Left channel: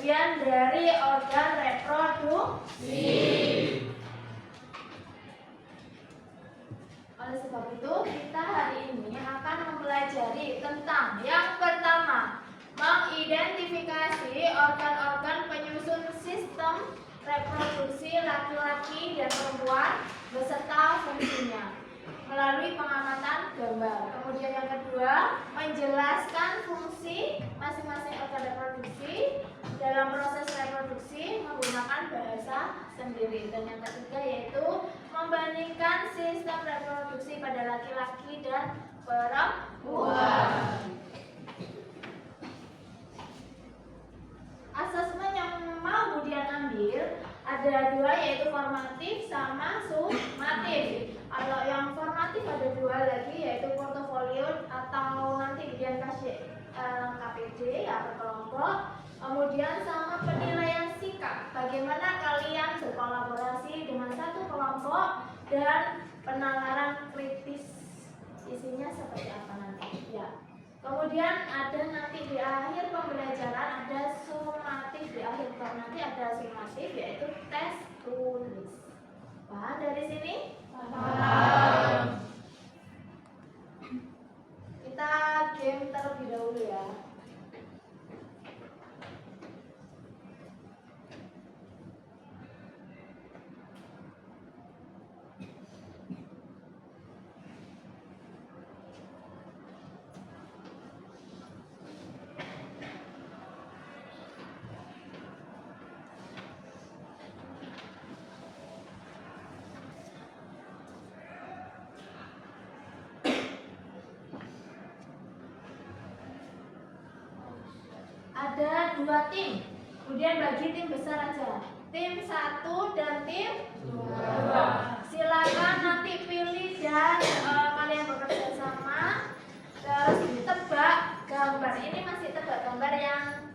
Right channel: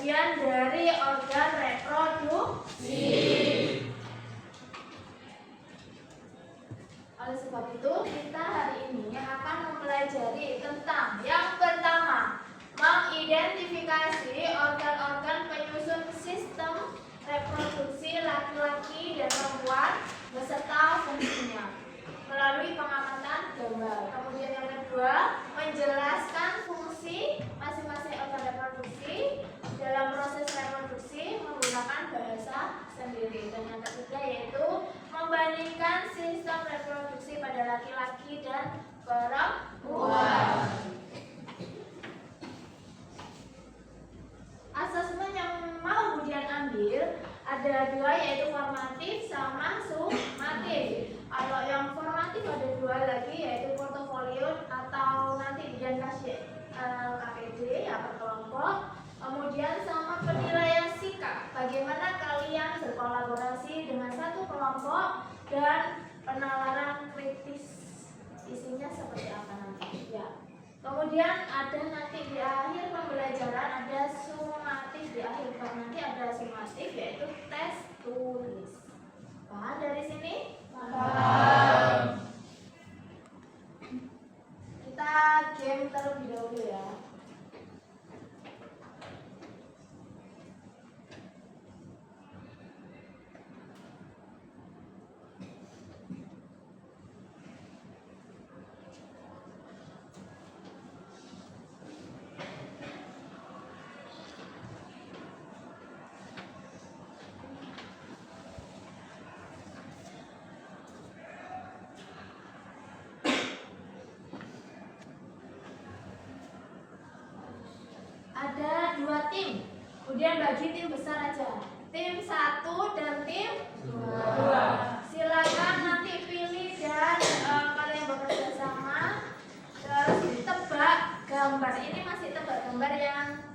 bagian dari organ reproduksi. Oleh sebab itu, kita hari ini akan mempelajari tentang yang pertama, mengidentifikasi organ-organ penyusun sistem reproduksi laki-laki dan perempuan beserta fungsinya melalui pengamatan gambar. Kemudian yang kedua, menjelaskan fungsi masing-masing organ reproduksi dalam proses reproduksi menggunakan bahasa sendiri. Dan yang ketiga yaitu membandingkan sistem reproduksi pada laki-laki dan perempuan. Asesmen yang mau Budian ambil ada dua, yaitu formatif sama sumatif. Kalau yang formatif ada dua lagi, yaitu portofolio atau nanti Budian kasih KPD ya per kelompok. Kemudian sama penilaian sikap, bagaimana kalian berkolaborasi dengan satu kelompok, dan penalaran kritis isinya seperti apa nanti ya. Kemudian ada nanti di akhir pembelajaran ada sumatif, di akhir nanti ada sumatif yaitu tes tulis. Paham dari sini? Paham. Kita game terlebih dahulu ya. ada 2 tim. Kemudian bagi tim besar aja. Tim 1 dan tim 2. Silakan nanti pilih dan kalian bekerja sama. Terus tebak gambar. Ini masih tebak gambar yang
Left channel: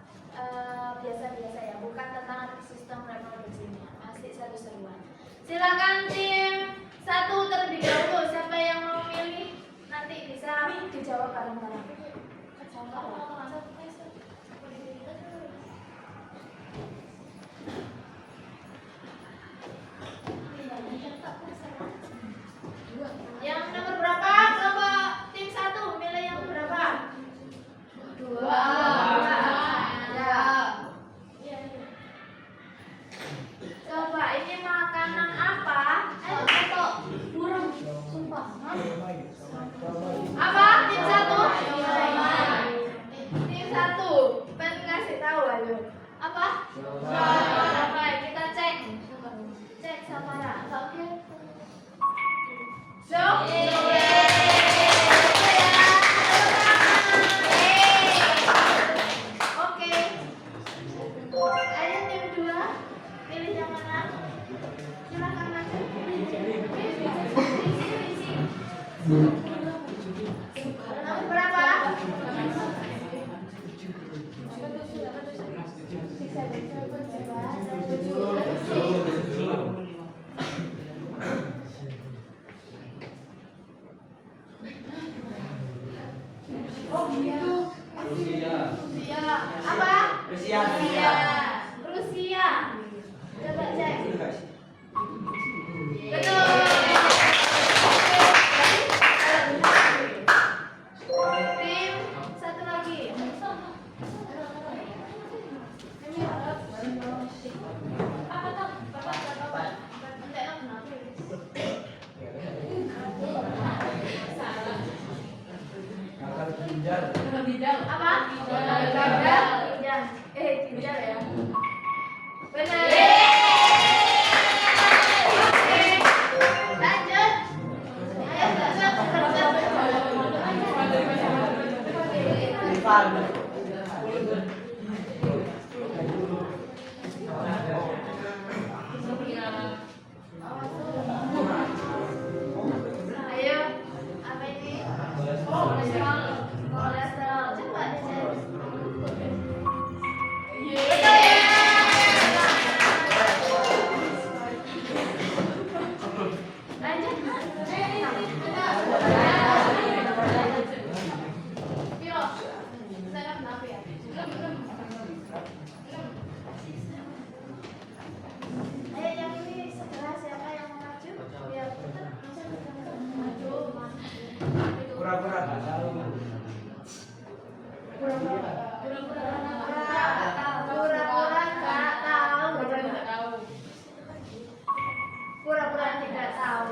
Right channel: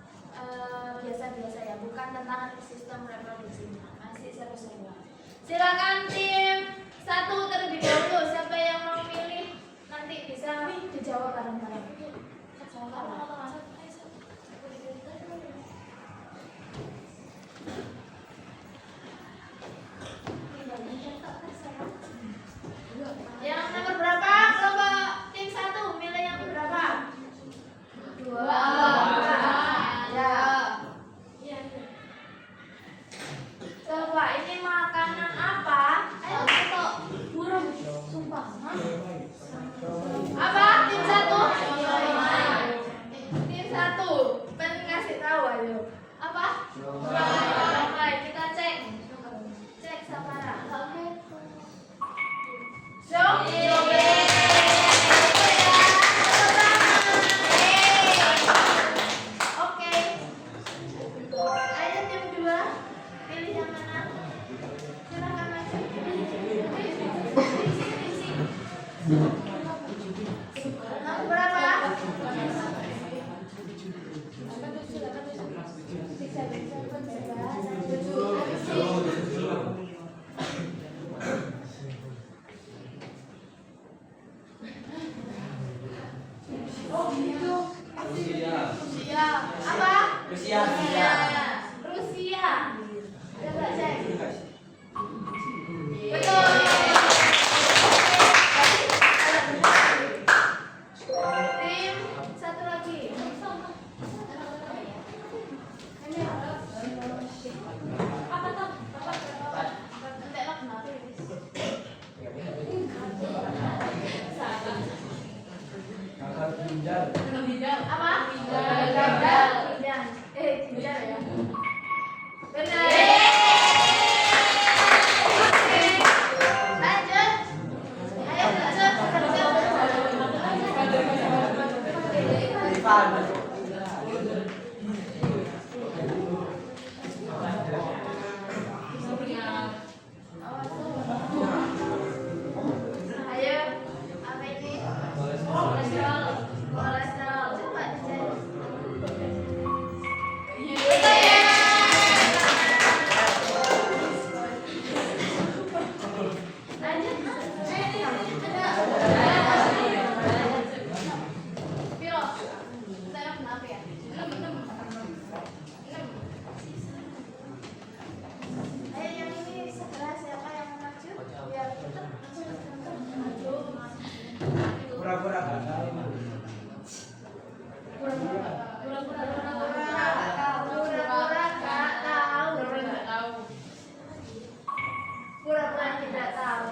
biasa-biasa ya, bukan tentang sistem reproduksinya. Masih seru-seruan. Silakan tim 1 terlebih dahulu. Siapa yang mau milih nanti bisa dijawab bareng-bareng. Yang nomor berapa? Coba tim 1 milih yang berapa? 2. Ya. Coba ini makanan apa? Burung. Sumpah. Apa? Tim 1? Tim 1. Pengen ngasih tahu ayo. Apa? Baik, kita cek. Cek Samara. Oke. So, oke. Ayo tim 2. Pilih yang mana? Silakan aja. Berapa? Oh gitu. Rusia. Apa? Rusia. Rusia. Coba cek. Betul. Tim 1 lagi. Apa? Gagal. Ginjal ya. Benar. Oke. Lanjut. Ayo Ayo, apa ini? Kolesterol. Coba dicek. Betul ya. Lanjut. Piro? Saya kenapa ya? 6. Ayo yang ini segera siapa yang mau maju? Biar cepat. Maju. Pura-pura nggak tahu. Pura-pura nggak tahu. Pura-pura tidak tahu.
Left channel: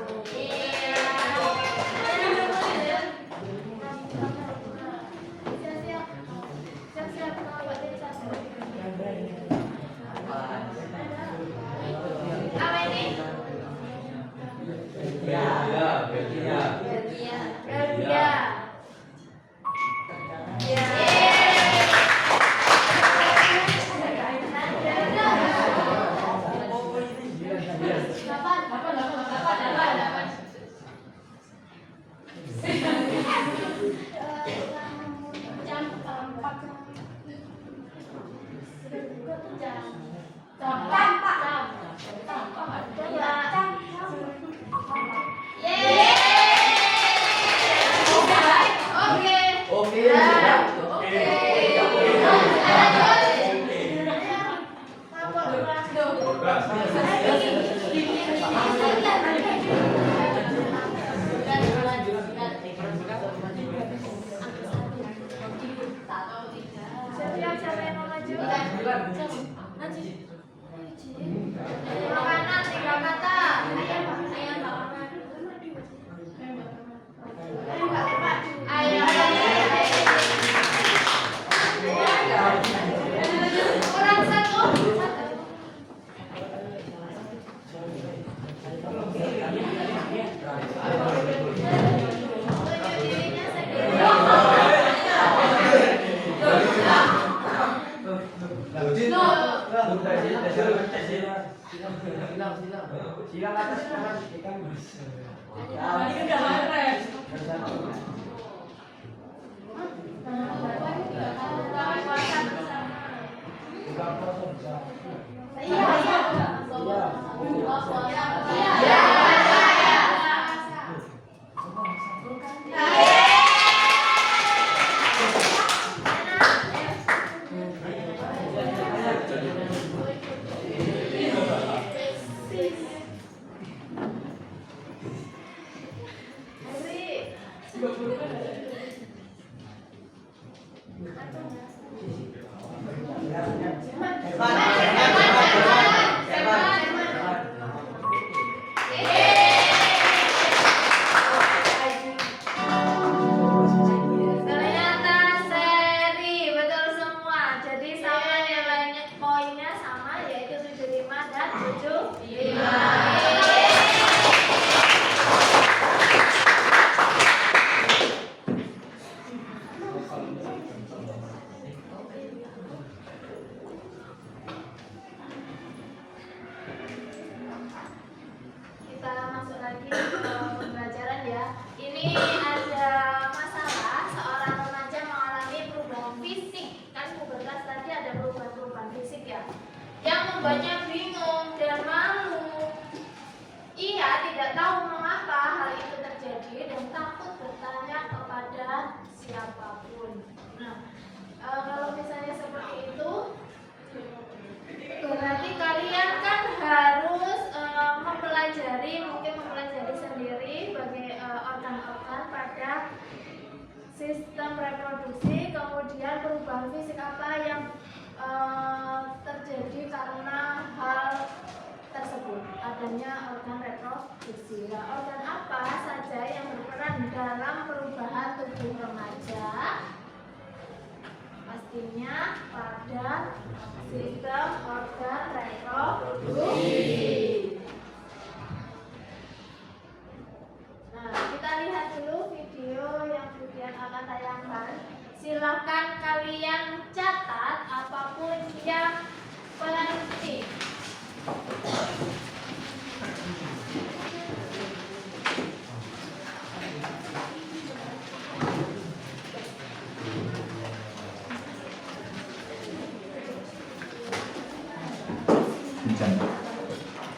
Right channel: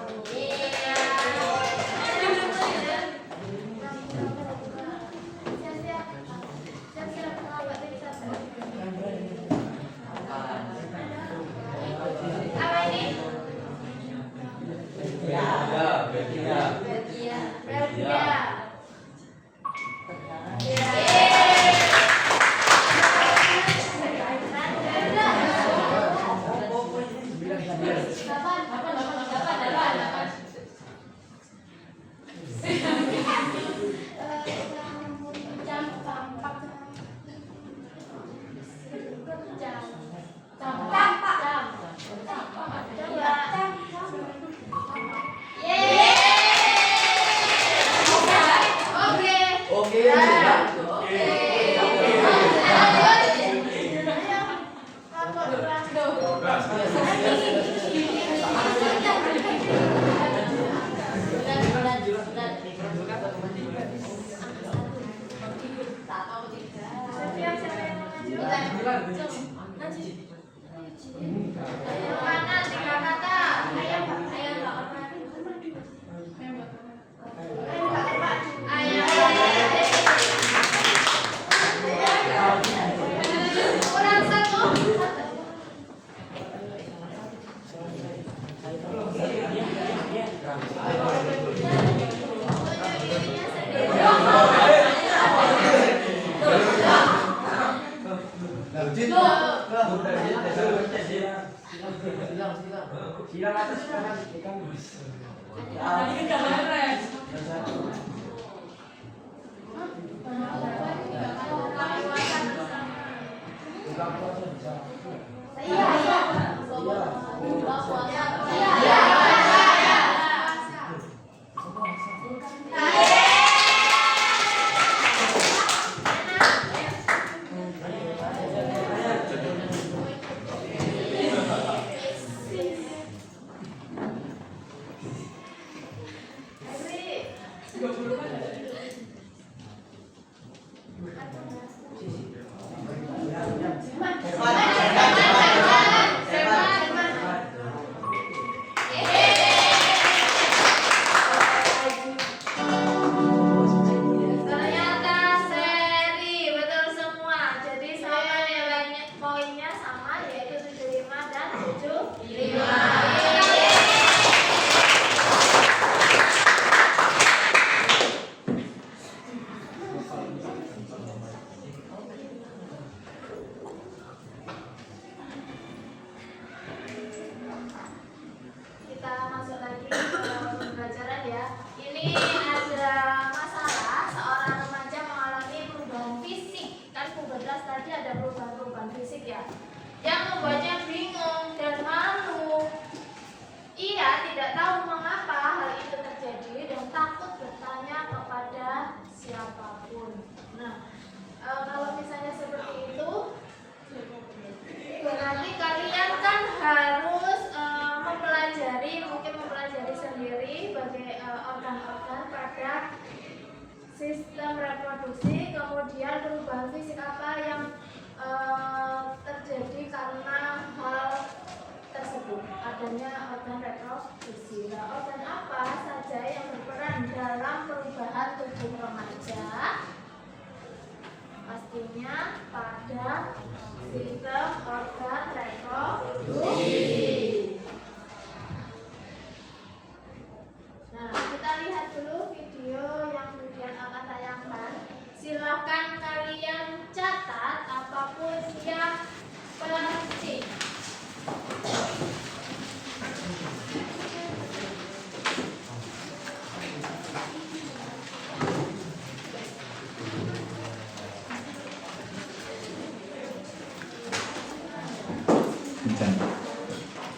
Siap-siap. Apa ini? Belgia. Siapa yang mau maju? Makanan 3 kata. Ayo. Kurang 1. Silang atas silang kan. Tadi kan gak keren. Buka puasa bisa. Iya. Buka puasa. Iya. Ternyata seri betul semua. Jadi sama nilainya poinnya sama yaitu 75 dan 75. Kita masuk lagi ke pembelajaran ya. Ini ada masalah seorang remaja mengalami perubahan fisik. Kan pubertas tadi ada perubahan-perubahan fisik ya, yang membuatnya bingung dan malu. Ia tidak tahu mengapa hal itu terjadi dan takut bertanya kepada siapapun. Nah, kalau misalnya seperti itu, berarti kalian kan harus mungkin mempelajari sendiri bagi organ-organ pada sistem reproduksi, kemudian perubahan fisik apa yang terjadi karena hal tersebut, adanya organ reproduksi. Nah, organ apa saja yang berperan dalam perubahan tubuh remaja? Pastinya pada sistem organ reproduksi. Nah, kita lihat dulu video yang kemudian akan tayangkan. Silakan kalian catat apapun yang penting.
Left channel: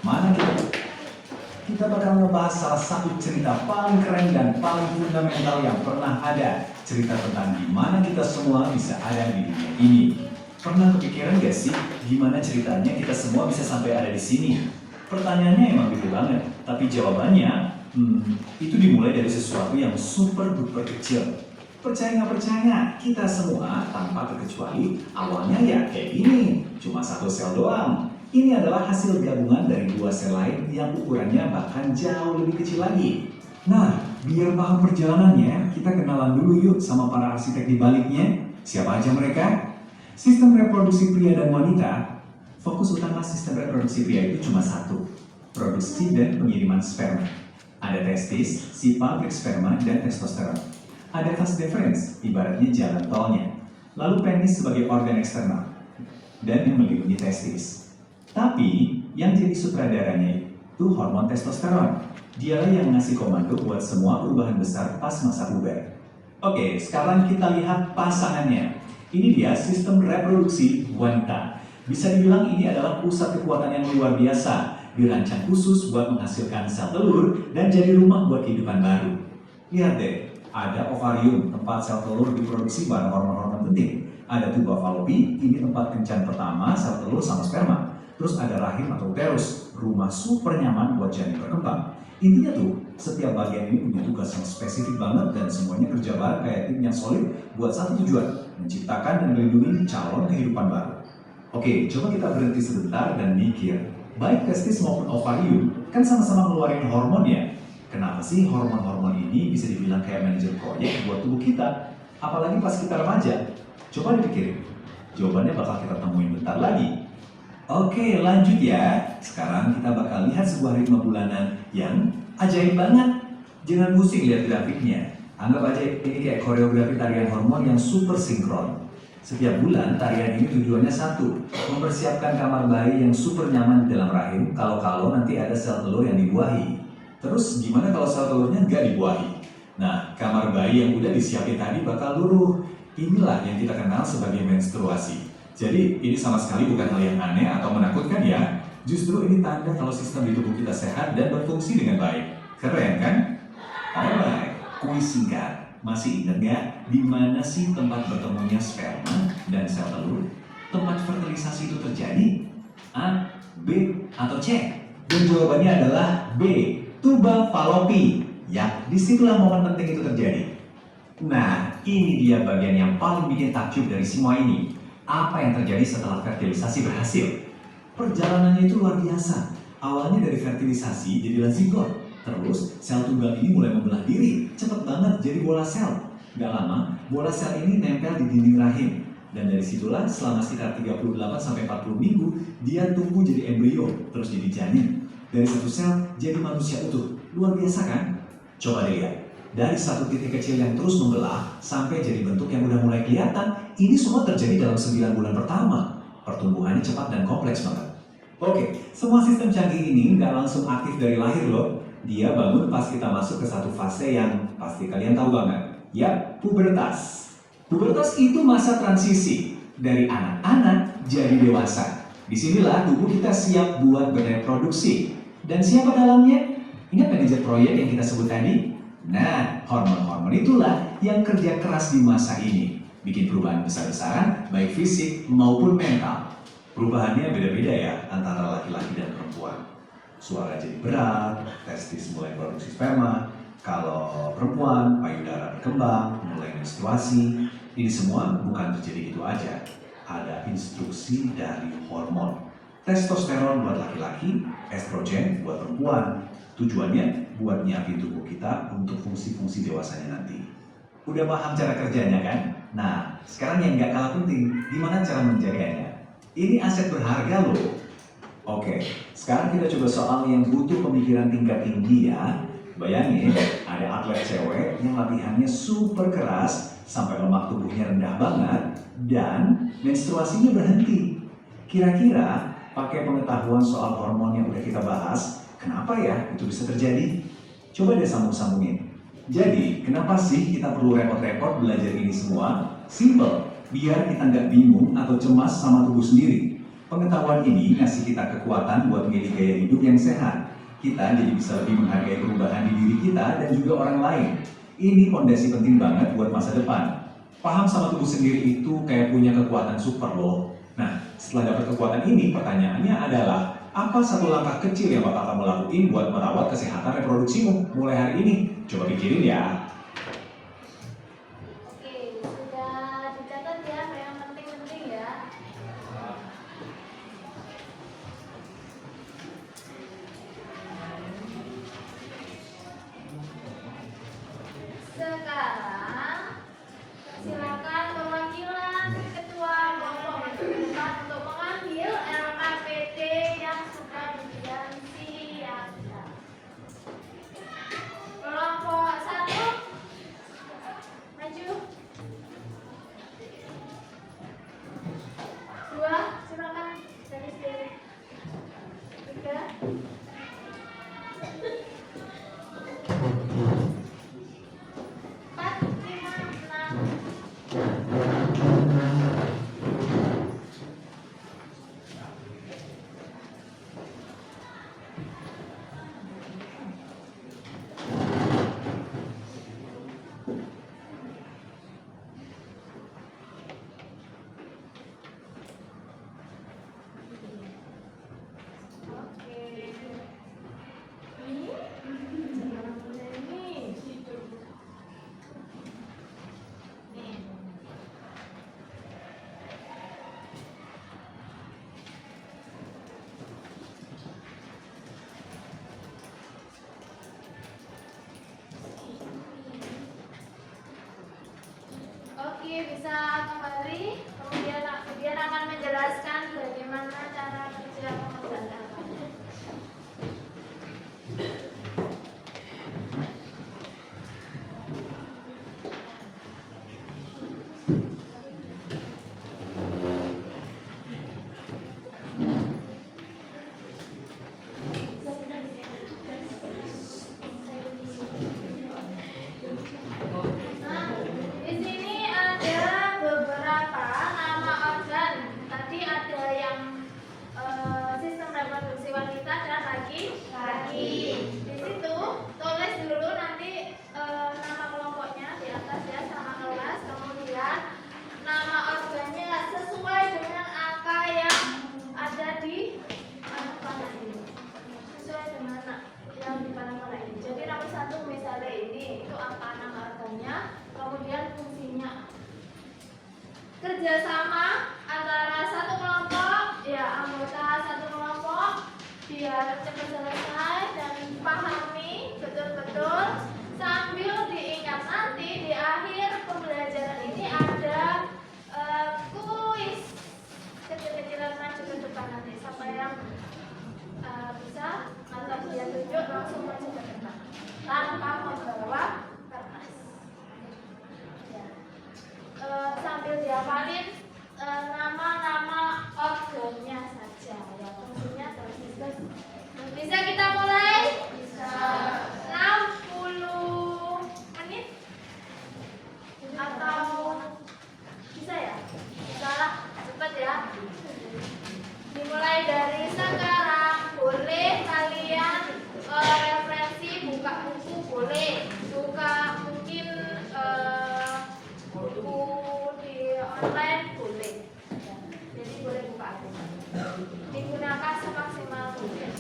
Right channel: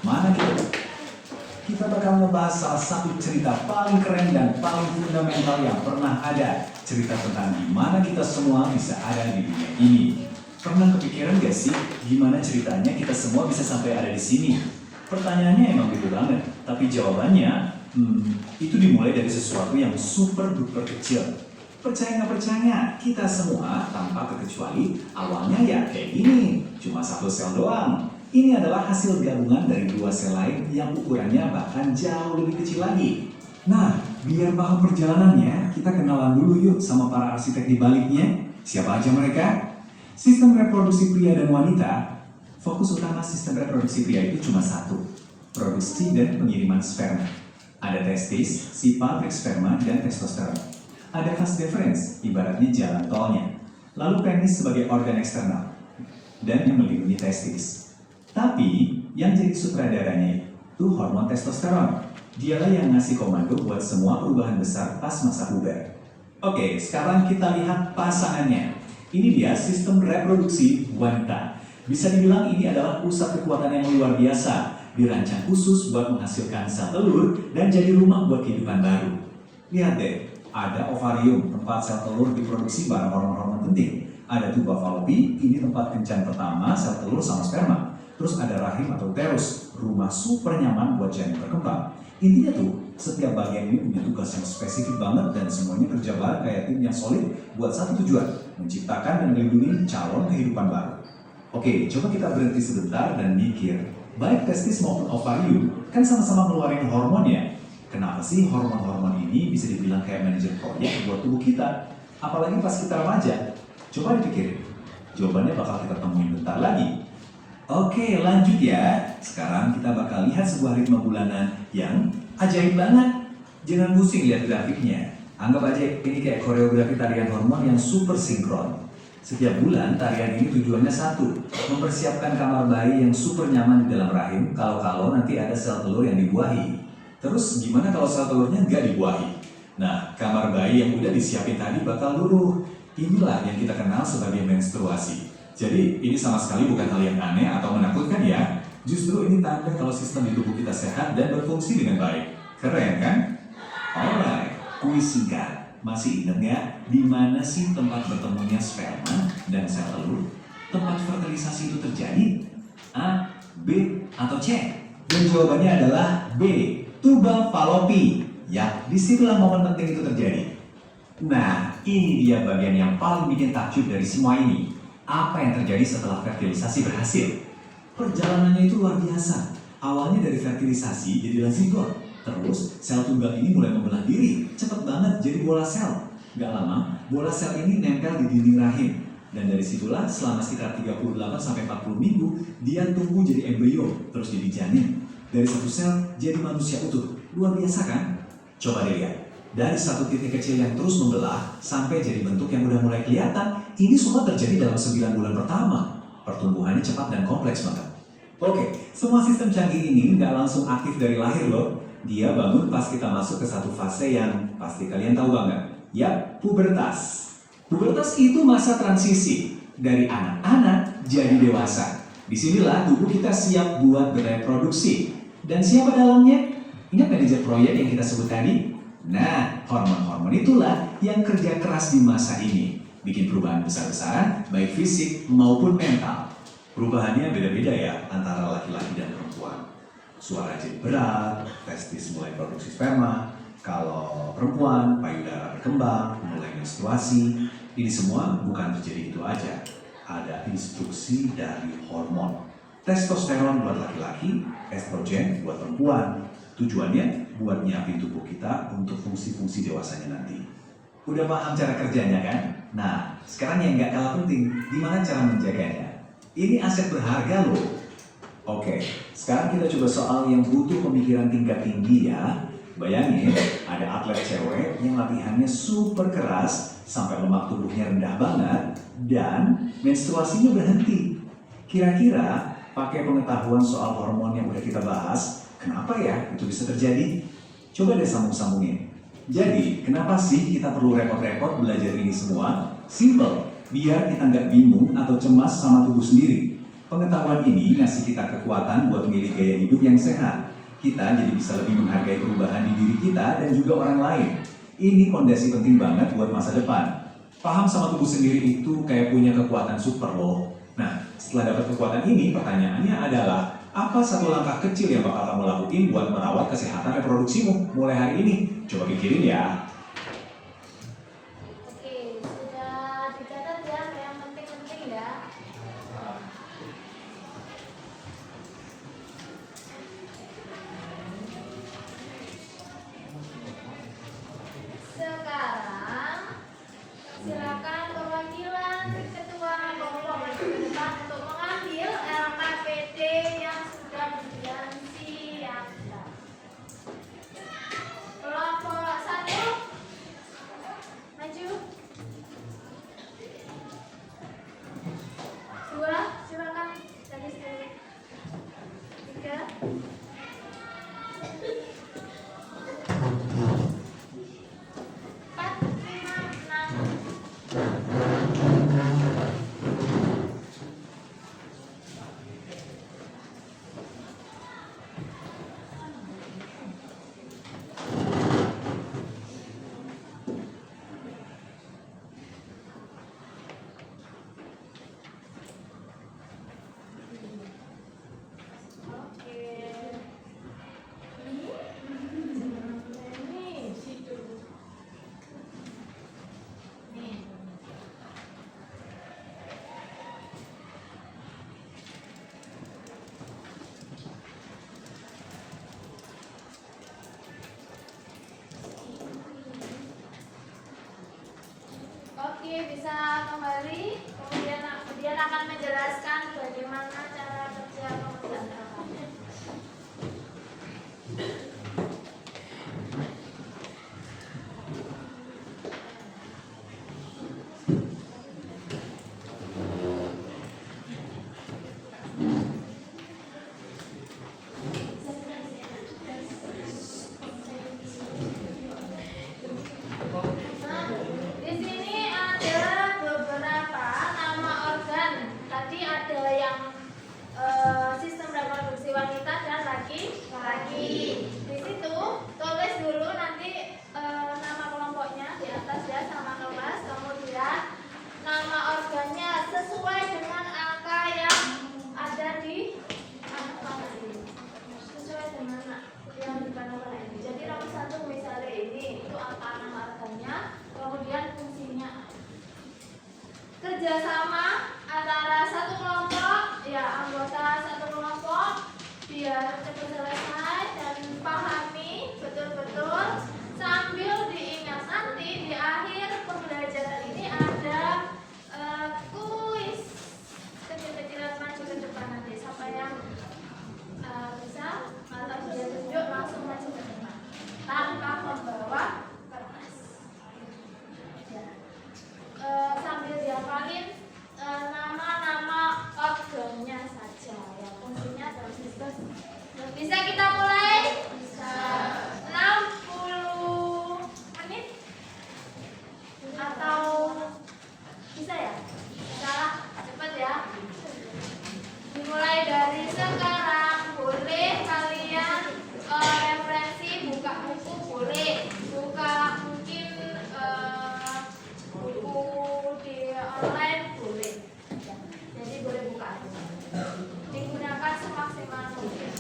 Mana kita bakal ngebahas salah satu cerita paling keren dan paling fundamental yang pernah ada. Cerita tentang gimana kita semua bisa ada di dunia ini. Pernah kepikiran gak sih gimana ceritanya kita semua bisa sampai ada di sini? Pertanyaannya emang gede banget, tapi jawabannya itu dimulai dari sesuatu yang super duper kecil. Percaya nggak percaya, kita semua tanpa terkecuali awalnya ya kayak gini, cuma satu sel doang. Ini adalah hasil gabungan dari dua sel lain yang ukurannya bahkan jauh lebih kecil lagi. Nah, biar paham perjalanannya, kita kenalan dulu yuk sama para arsitek di baliknya. Siapa aja mereka? Sistem reproduksi pria dan wanita. Fokus utama sistem reproduksi pria itu cuma satu, produksi dan pengiriman sperma. Ada testis, si pabrik sperma, dan testosteron. Ada vas deferens, ibaratnya jalan tolnya. Lalu penis sebagai organ eksternal, dan yang melindungi testis. Tapi, yang jadi sutradaranya itu hormon testosteron. Dialah yang ngasih komando buat semua perubahan besar pas masa puber. Oke, sekarang kita lihat pasangannya. Ini dia sistem reproduksi wanita. Bisa dibilang ini adalah pusat kekuatan yang luar biasa. Dirancang khusus buat menghasilkan sel telur dan jadi rumah buat kehidupan baru. Lihat deh, ada ovarium, tempat sel telur diproduksi bareng hormon-hormon penting. Ada tuba falopi, ini tempat kencan pertama sel telur sama sperma. Terus ada rahim atau uterus, rumah super nyaman buat janin berkembang. Intinya tuh, setiap bagian ini punya tugas yang spesifik banget dan semuanya kerja bareng kayak tim yang solid buat satu tujuan, menciptakan dan melindungi calon kehidupan baru. Oke, coba kita berhenti sebentar dan mikir. Baik testis maupun ovarium kan sama-sama ngeluarin hormon ya. Kenapa sih hormon-hormon ini bisa dibilang kayak manajer proyek buat tubuh kita? Apalagi pas kita remaja. Coba dipikirin. Jawabannya bakal kita temuin bentar lagi. Oke, lanjut ya. Sekarang kita bakal lihat sebuah ritme bulanan yang ajaib banget. Jangan pusing lihat grafiknya. Anggap aja ini kayak koreografi tarian hormon yang super sinkron. Setiap bulan, tarian ini tujuannya satu, mempersiapkan kamar bayi yang super nyaman di dalam rahim kalau nanti ada sel telur yang dibuahi. Terus gimana kalau sel telurnya nggak dibuahi? Nah, kamar bayi yang udah disiapin tadi bakal luruh. Inilah yang kita kenal sebagai menstruasi. Jadi, ini sama sekali bukan hal yang aneh atau menakutkan ya. Justru ini tanda kalau sistem di tubuh kita sehat dan berfungsi dengan baik. Keren kan? Alright, kuis singkat. Masih ingat nggak di mana sih tempat bertemunya sperma dan sel telur? Tempat fertilisasi itu terjadi? A, B, atau C? Dan jawabannya adalah B, tuba falopi. Ya, disitulah momen penting itu terjadi. Nah, ini dia bagian yang paling bikin takjub dari semua ini. Apa yang terjadi setelah fertilisasi berhasil? Perjalanannya itu luar biasa. Awalnya dari fertilisasi jadilah zigot. Terus, sel tunggal ini mulai membelah diri, cepet banget jadi bola sel. Gak lama, bola sel ini nempel di dinding rahim. Dan dari situlah selama sekitar 38-40 minggu, dia tumbuh jadi embrio, terus jadi janin. Dari satu sel, jadi manusia utuh. Luar biasa kan? Coba deh lihat. Dari satu titik kecil yang terus membelah, sampai jadi bentuk yang udah mulai kelihatan, ini semua terjadi dalam 9 bulan pertama. Pertumbuhannya cepat dan kompleks banget. Oke, semua sistem canggih ini nggak langsung aktif dari lahir loh. Dia bangun pas kita masuk ke satu fase yang pasti kalian tahu banget. Yap, pubertas. Pubertas itu masa transisi dari anak-anak jadi dewasa. Disinilah tubuh kita siap buat bereproduksi. Dan siapa dalamnya? Ingat manajer proyek yang kita sebut tadi? Nah, hormon-hormon itulah yang kerja keras di masa ini. Bikin perubahan besar-besaran, baik fisik maupun mental. Perubahannya beda-beda ya antara laki-laki dan perempuan. Suara jadi berat, testis mulai produksi sperma. Kalau perempuan, payudara berkembang, mulai menstruasi. Ini semua bukan terjadi gitu aja. Ada instruksi dari hormon. Testosteron buat laki-laki, estrogen buat perempuan. Tujuannya buat nyiapin tubuh kita untuk fungsi-fungsi dewasanya nanti. Udah paham cara kerjanya kan? Nah, sekarang yang nggak kalah penting, gimana cara menjaganya? Ini aset berharga loh. Oke, sekarang kita coba soal yang butuh pemikiran tingkat tinggi ya. Bayangin, ada atlet cewek yang latihannya super keras sampai lemak tubuhnya rendah banget dan menstruasinya berhenti. Kira-kira pakai pengetahuan soal hormon yang udah kita bahas, kenapa ya itu bisa terjadi? Coba deh sambung-sambungin. Jadi, kenapa sih kita perlu repot-repot belajar ini semua? Simple, biar kita nggak bingung atau cemas sama tubuh sendiri. Pengetahuan ini ngasih kita kekuatan buat milih gaya hidup yang sehat. Kita jadi bisa lebih menghargai perubahan di diri kita dan juga orang lain. Ini fondasi penting banget buat masa depan. Paham sama tubuh sendiri itu kayak punya kekuatan super loh. Nah, setelah dapat kekuatan ini, pertanyaannya adalah, apa satu langkah kecil yang bakal kamu lakuin buat merawat kesehatan reproduksimu mulai hari ini? Coba pikirin ya. Oke, sudah dicatat ya yang penting-penting ya. Sekarang silakan perwakilan ketua kelompok maju ke depan untuk mengambil LKPD yang sudah disediakan siaga. Kelompok 1 maju. 2 silakan dari sini. 3 4, 5, 6. Oke, bisa kembali. Kemudian akan menjelaskan bagaimana cara kerja pemegang LKPD. kerjasama antara satu kelompok, ya anggota satu kelompok, biar cepat selesai dan pahami betul-betul sambil diingat nanti di akhir pembelajaran ini ada kuis kecil-kecilan maju ke depan nanti. Siapa yang bisa atau dia tunjuk langsung maju ke depan tanpa membawa kertas. Ya. Sambil dihafalin nama-nama organnya saja yang fungsinya transistor. Bisa kita mulai? Bisa. 60 menit atau bisa ya? Bisa lah, cepat ya. Dimulai dari sekarang. Boleh kalian referensi, buka buku boleh, buka mungkin buku di online boleh. Jadi boleh buka aja. Digunakan semaksimal mungkin.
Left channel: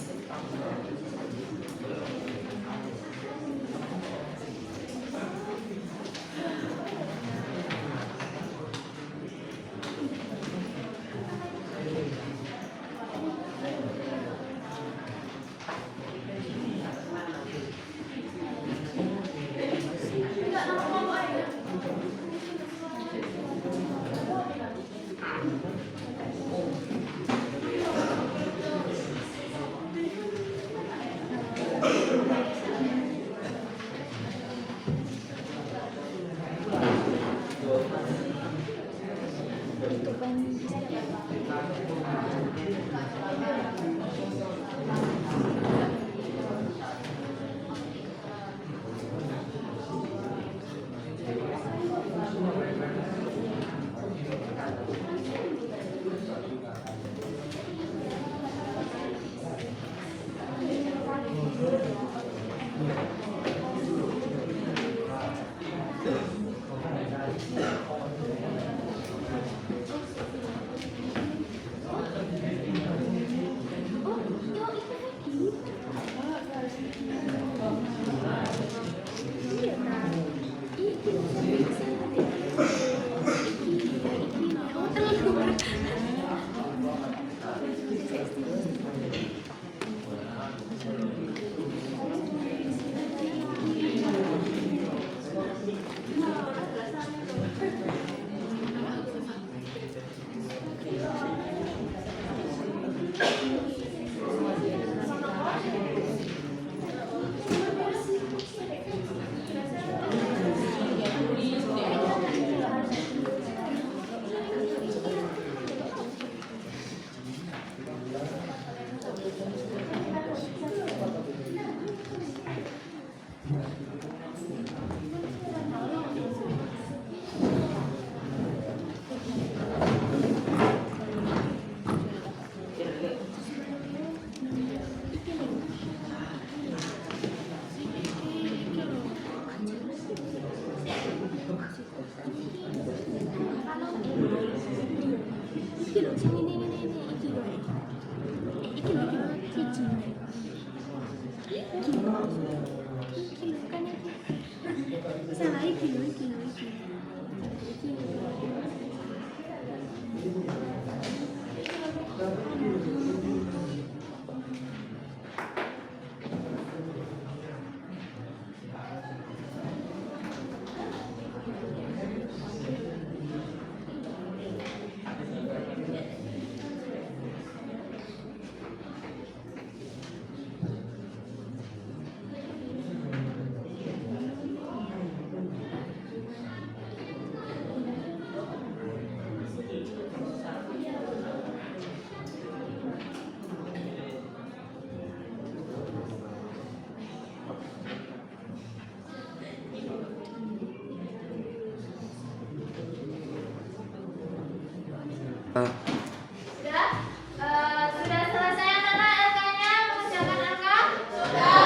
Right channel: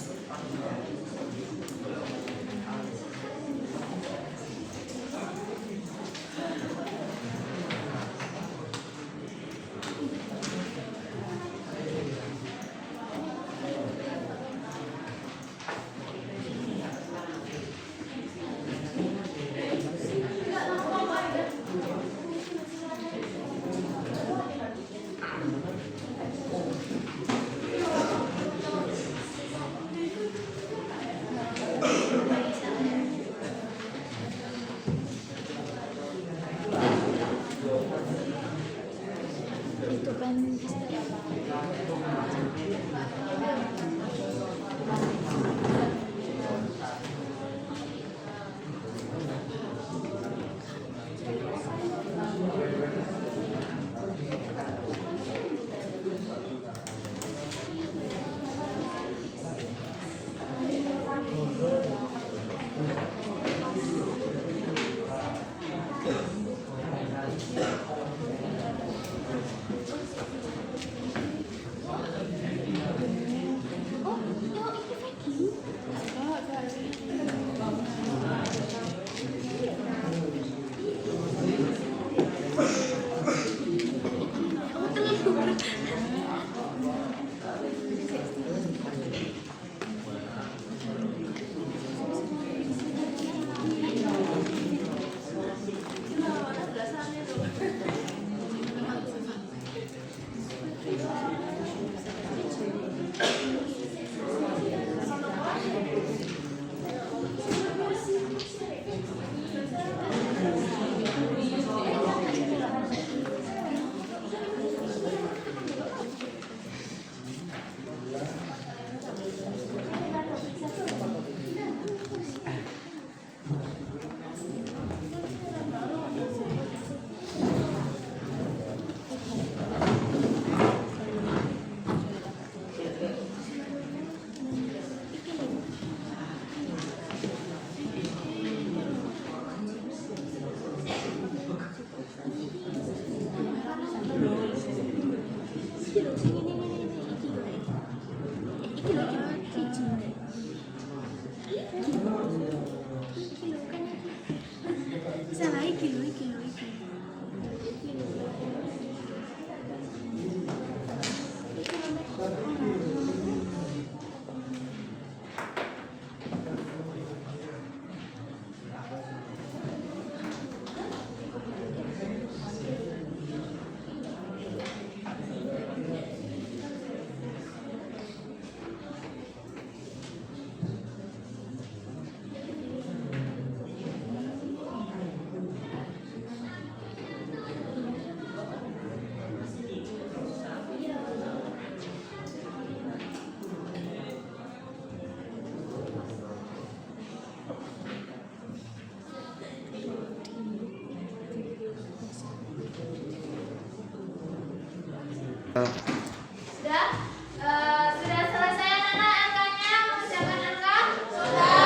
Sudah selesai anak-anak LK-nya mengucapkan LK? Sudah.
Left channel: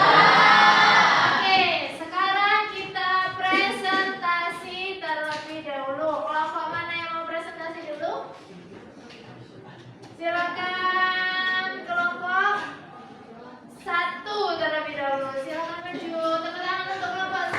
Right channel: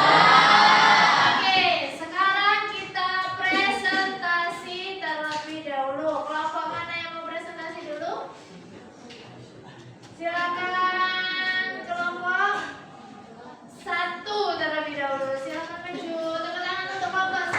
Oke, sekarang kita presentasi terlebih dahulu. Kelompok mana yang mau presentasi dulu? Silakan kelompok 1 terlebih dahulu. Silakan maju. Tepuk tangan untuk kelompok 1.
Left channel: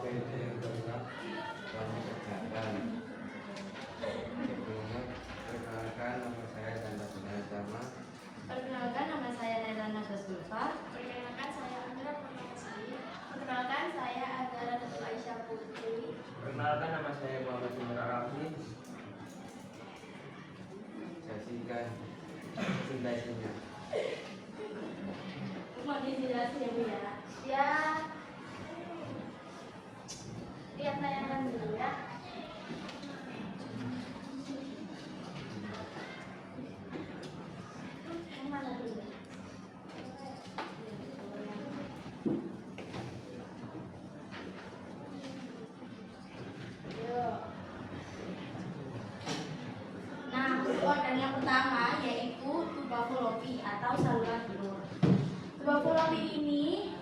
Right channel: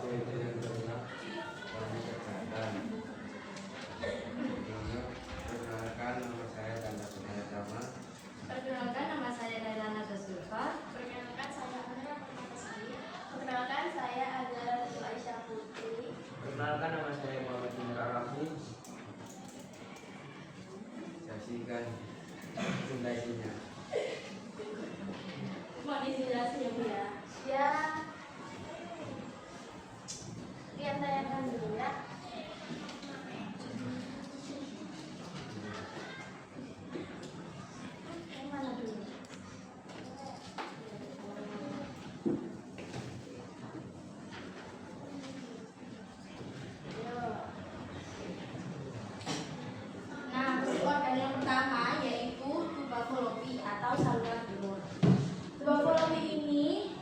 Oke, itu yang kedua kamu kerjakan. Perkenalkan, nama saya Ganda Pinayatama. Perkenalkan, nama saya Nelana Gasulfa. Perkenalkan, saya Amira Permasi. Perkenalkan, saya Agara Ratu Aisyah Putri. Perkenalkan, nama saya Muhammad Indra Rafi. Saksikan presentasinya. Mohon dijelasin ya Bu ya. Ya, lihat tayangan dulu ya. Yang mana dulu? Yuk. Nah, untuk organ yang pertama yaitu tuba fallopi atau saluran telur. Tuba fallopi ini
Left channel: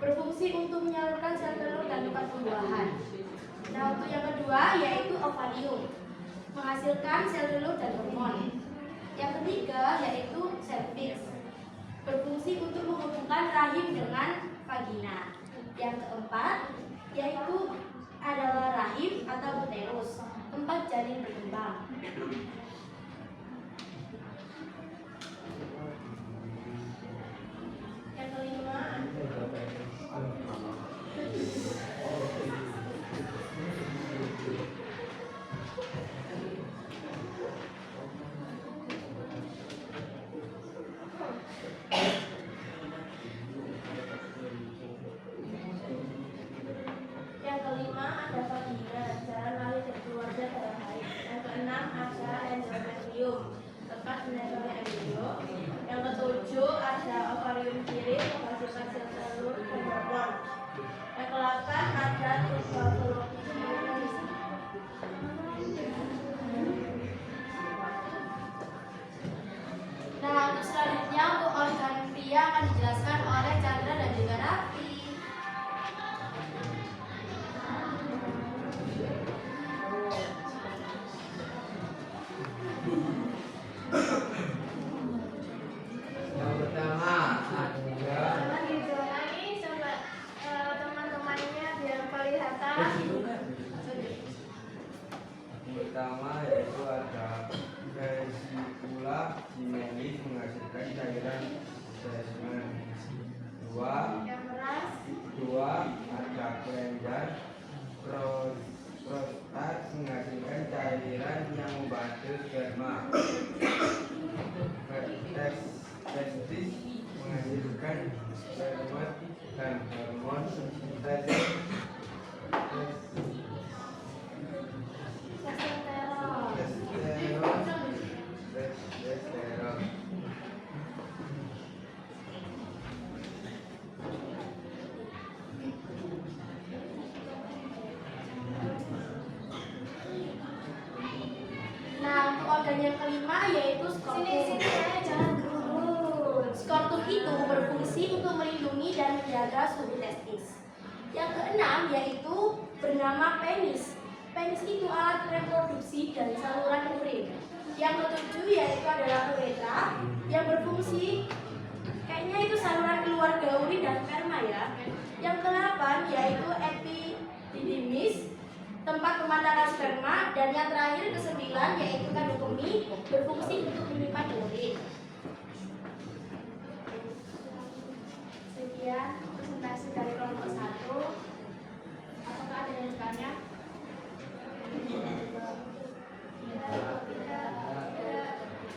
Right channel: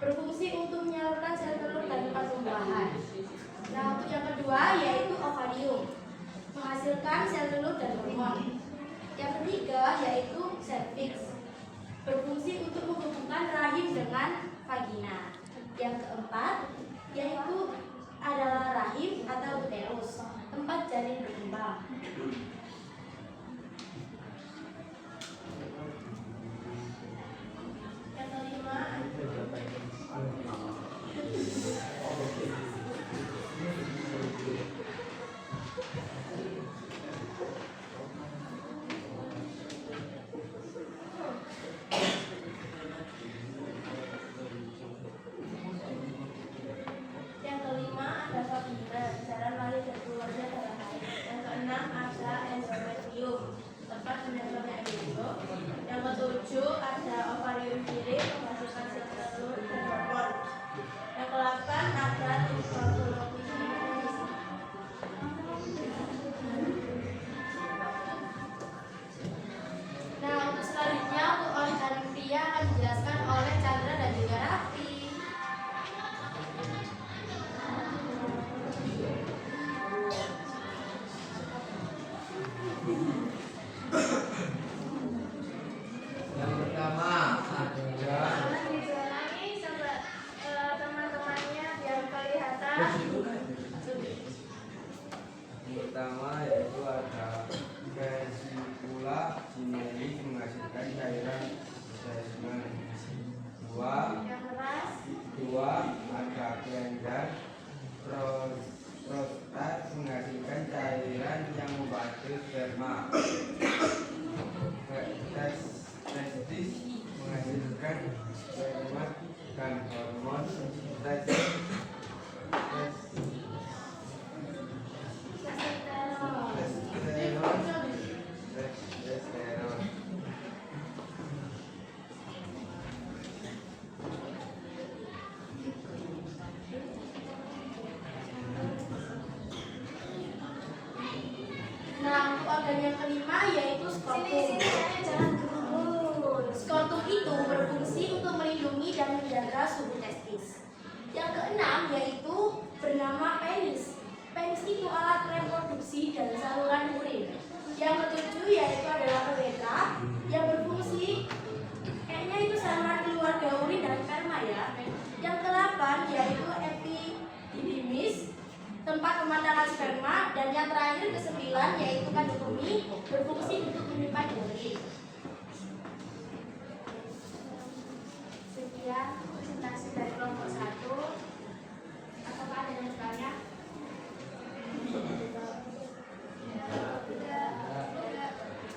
berfungsi untuk menyalurkan sel telur dan tempat pembuahan. Nah, untuk yang kedua yaitu ovarium, menghasilkan sel telur dan hormon. Yang ketiga yaitu cervix, berfungsi untuk menghubungkan rahim dengan vagina. Yang keempat yaitu adalah rahim atau uterus, tempat janin berkembang. Yang kelima, ada vagina, jalan lahir dan keluarga darah haid. Yang keenam ada endometrium, tempat menempelnya embrio. Yang ketujuh ada ovarium kiri, menghasilkan sel telur dan hormon. Yang kedelapan ada tuba fallopi. Nah, untuk selanjutnya untuk organ pria akan dijelaskan oleh Chandra dan juga Raffi. Yang pertama ada Jangan diulangi coba teman-temannya biar kelihatan. yang pertama yaitu ada vesicula simelis menghasilkan cairan semen. Yang keras, Dua ada kelenjar prostat menghasilkan cairan yang membantu sperma. Testis menghasilkan sperma dan hormon testosteron. Nah, untuk organ yang kelima yaitu sini skrotum. ya, jangan dulu. Skrotum itu berfungsi untuk melindungi dan menjaga suhu testis. Yang keenam yaitu bernama penis. Penis itu alat reproduksi dan saluran urin. Yang ketujuh yaitu adalah uretra yang berfungsi kayaknya itu saluran keluarga urin dan sperma ya. Yang kedelapan yaitu epididymis, tempat pemandangan sperma, dan yang terakhir kesembilan yaitu kandung kemih berfungsi untuk menyimpan urin. Sekian presentasi dari kelompok 1. Apakah ada yang bertanya?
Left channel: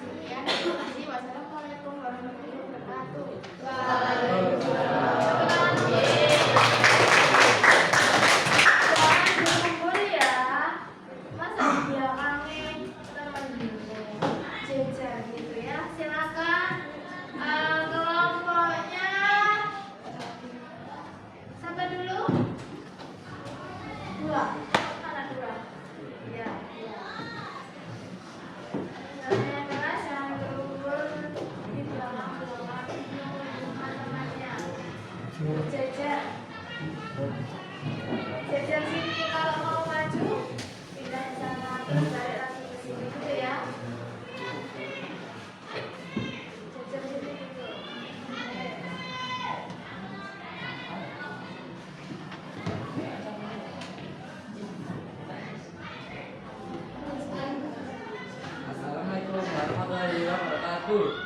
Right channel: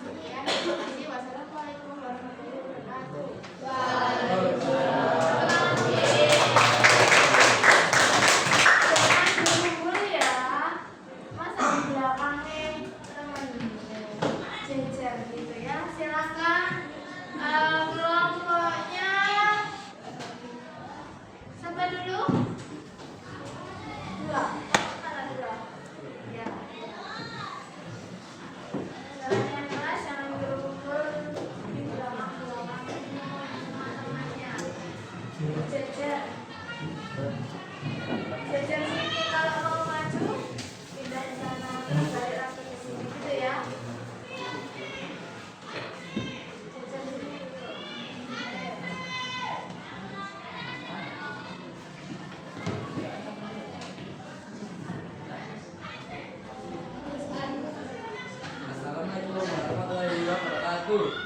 Sekian, terima kasih. Wassalamualaikum warahmatullahi wabarakatuh. Jangan kumpul ya. Masa di belakangnya temen jejer gitu ya. Silakan. wabarakatuh.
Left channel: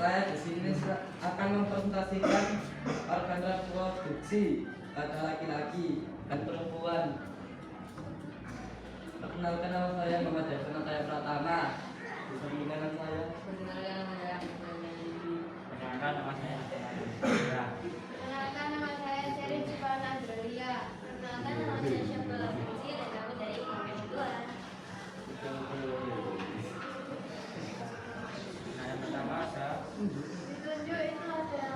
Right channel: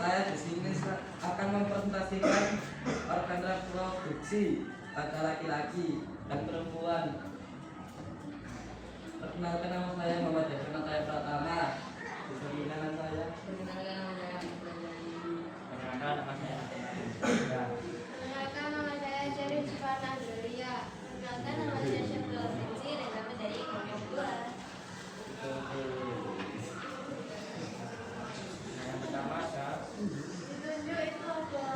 Saya di sini akan mempresentasikan organ reproduksi pada laki-laki dan perempuan. Perkenalkan nama saya Muhammad Devin Ataya Pratama. Perkenalkan saya. Perkenalkan nama saya Perkenalkan nama saya Sherin Sifana Andrelia. Perkenalkan nama saya Syafal Fauzi dan kami dari Kelompok 2. Yang pertama ada Ditunjuk itu ada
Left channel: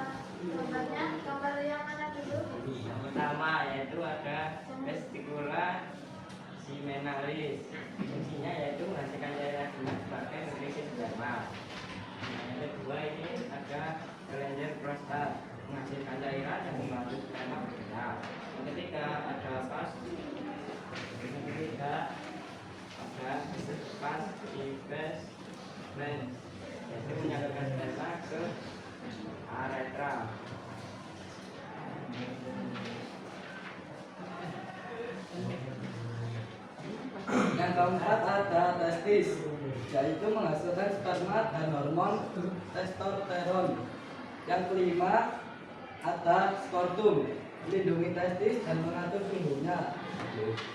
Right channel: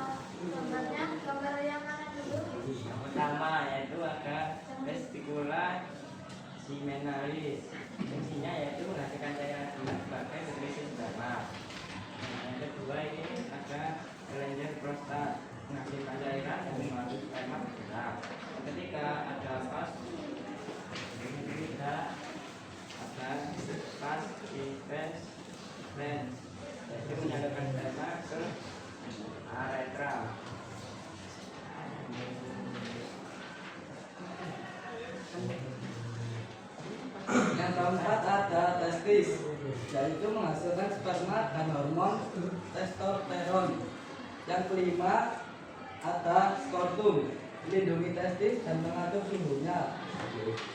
gambarnya, gambar yang mana dulu? yang pertama yaitu ada testikula seminalis. Fungsinya yaitu menghasilkan cairan semen sebagai nutrisi sperma. Yang kedua ini ada kelenjar prostat menghasilkan cairan yang membantu sperma bergerak. Yang ketiga ada vas. Yang ketiga ada vas invens yaitu menyalurkan sperma ke aretra. Yang keempat ada testis, yaitu menghasilkan sperma dan hormon testosteron. Yang kelima ada skortum, melindungi testis dan mengatur tumbuhnya.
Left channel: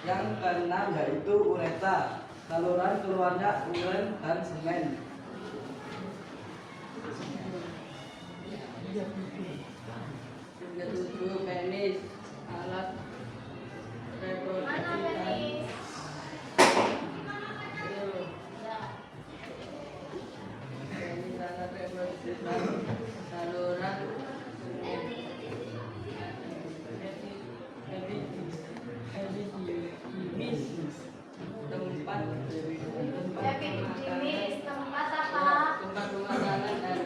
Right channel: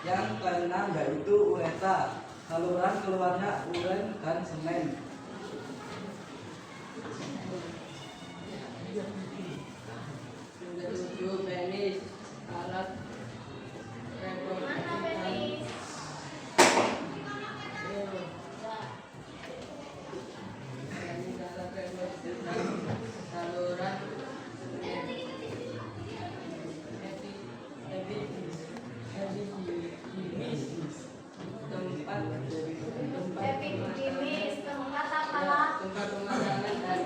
Yang keenam yaitu ureta, saluran keluarnya urin dan semen. Yang ketujuh penis, alat Mana penis? saluran Epididymis, tempat apa? tempat pemakanan dan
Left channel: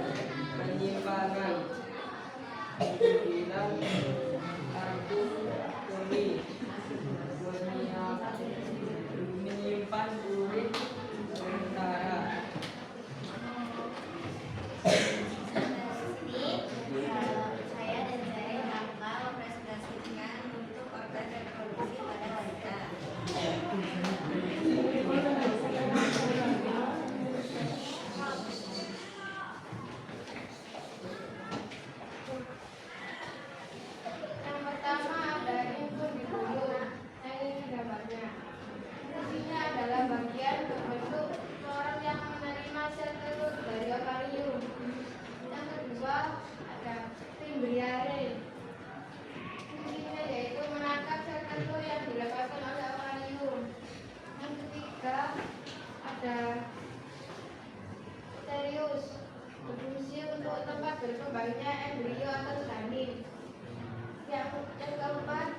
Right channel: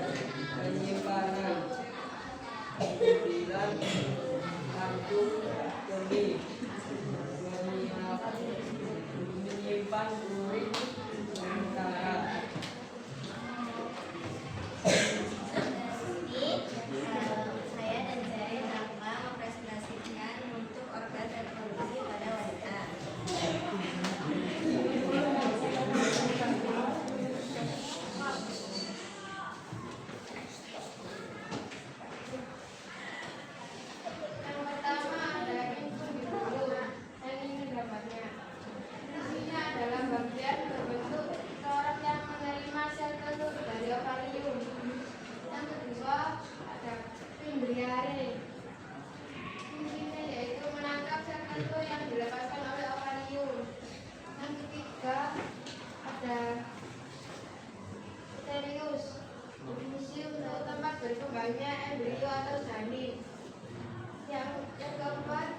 penyimpanan. Sembilan kantung tomi menyimpan urin sementara. Saya dan Zain akan mempresentasikan untuk organ reproduksi pada wanita. Yang pertama ada infundibular. Yang ini gambarnya. Fungsinya adalah bagian berbentuk florot yang menerima sel telur dari ovarium. Yang kedua ada fimbriare. Fungsinya yaitu menangkap sel telur yang dilepaskan oleh ovarium. Yang ketiga ada uterius. Berfungsi untuk tempat berkembangnya embrio atau janin. Yang keempat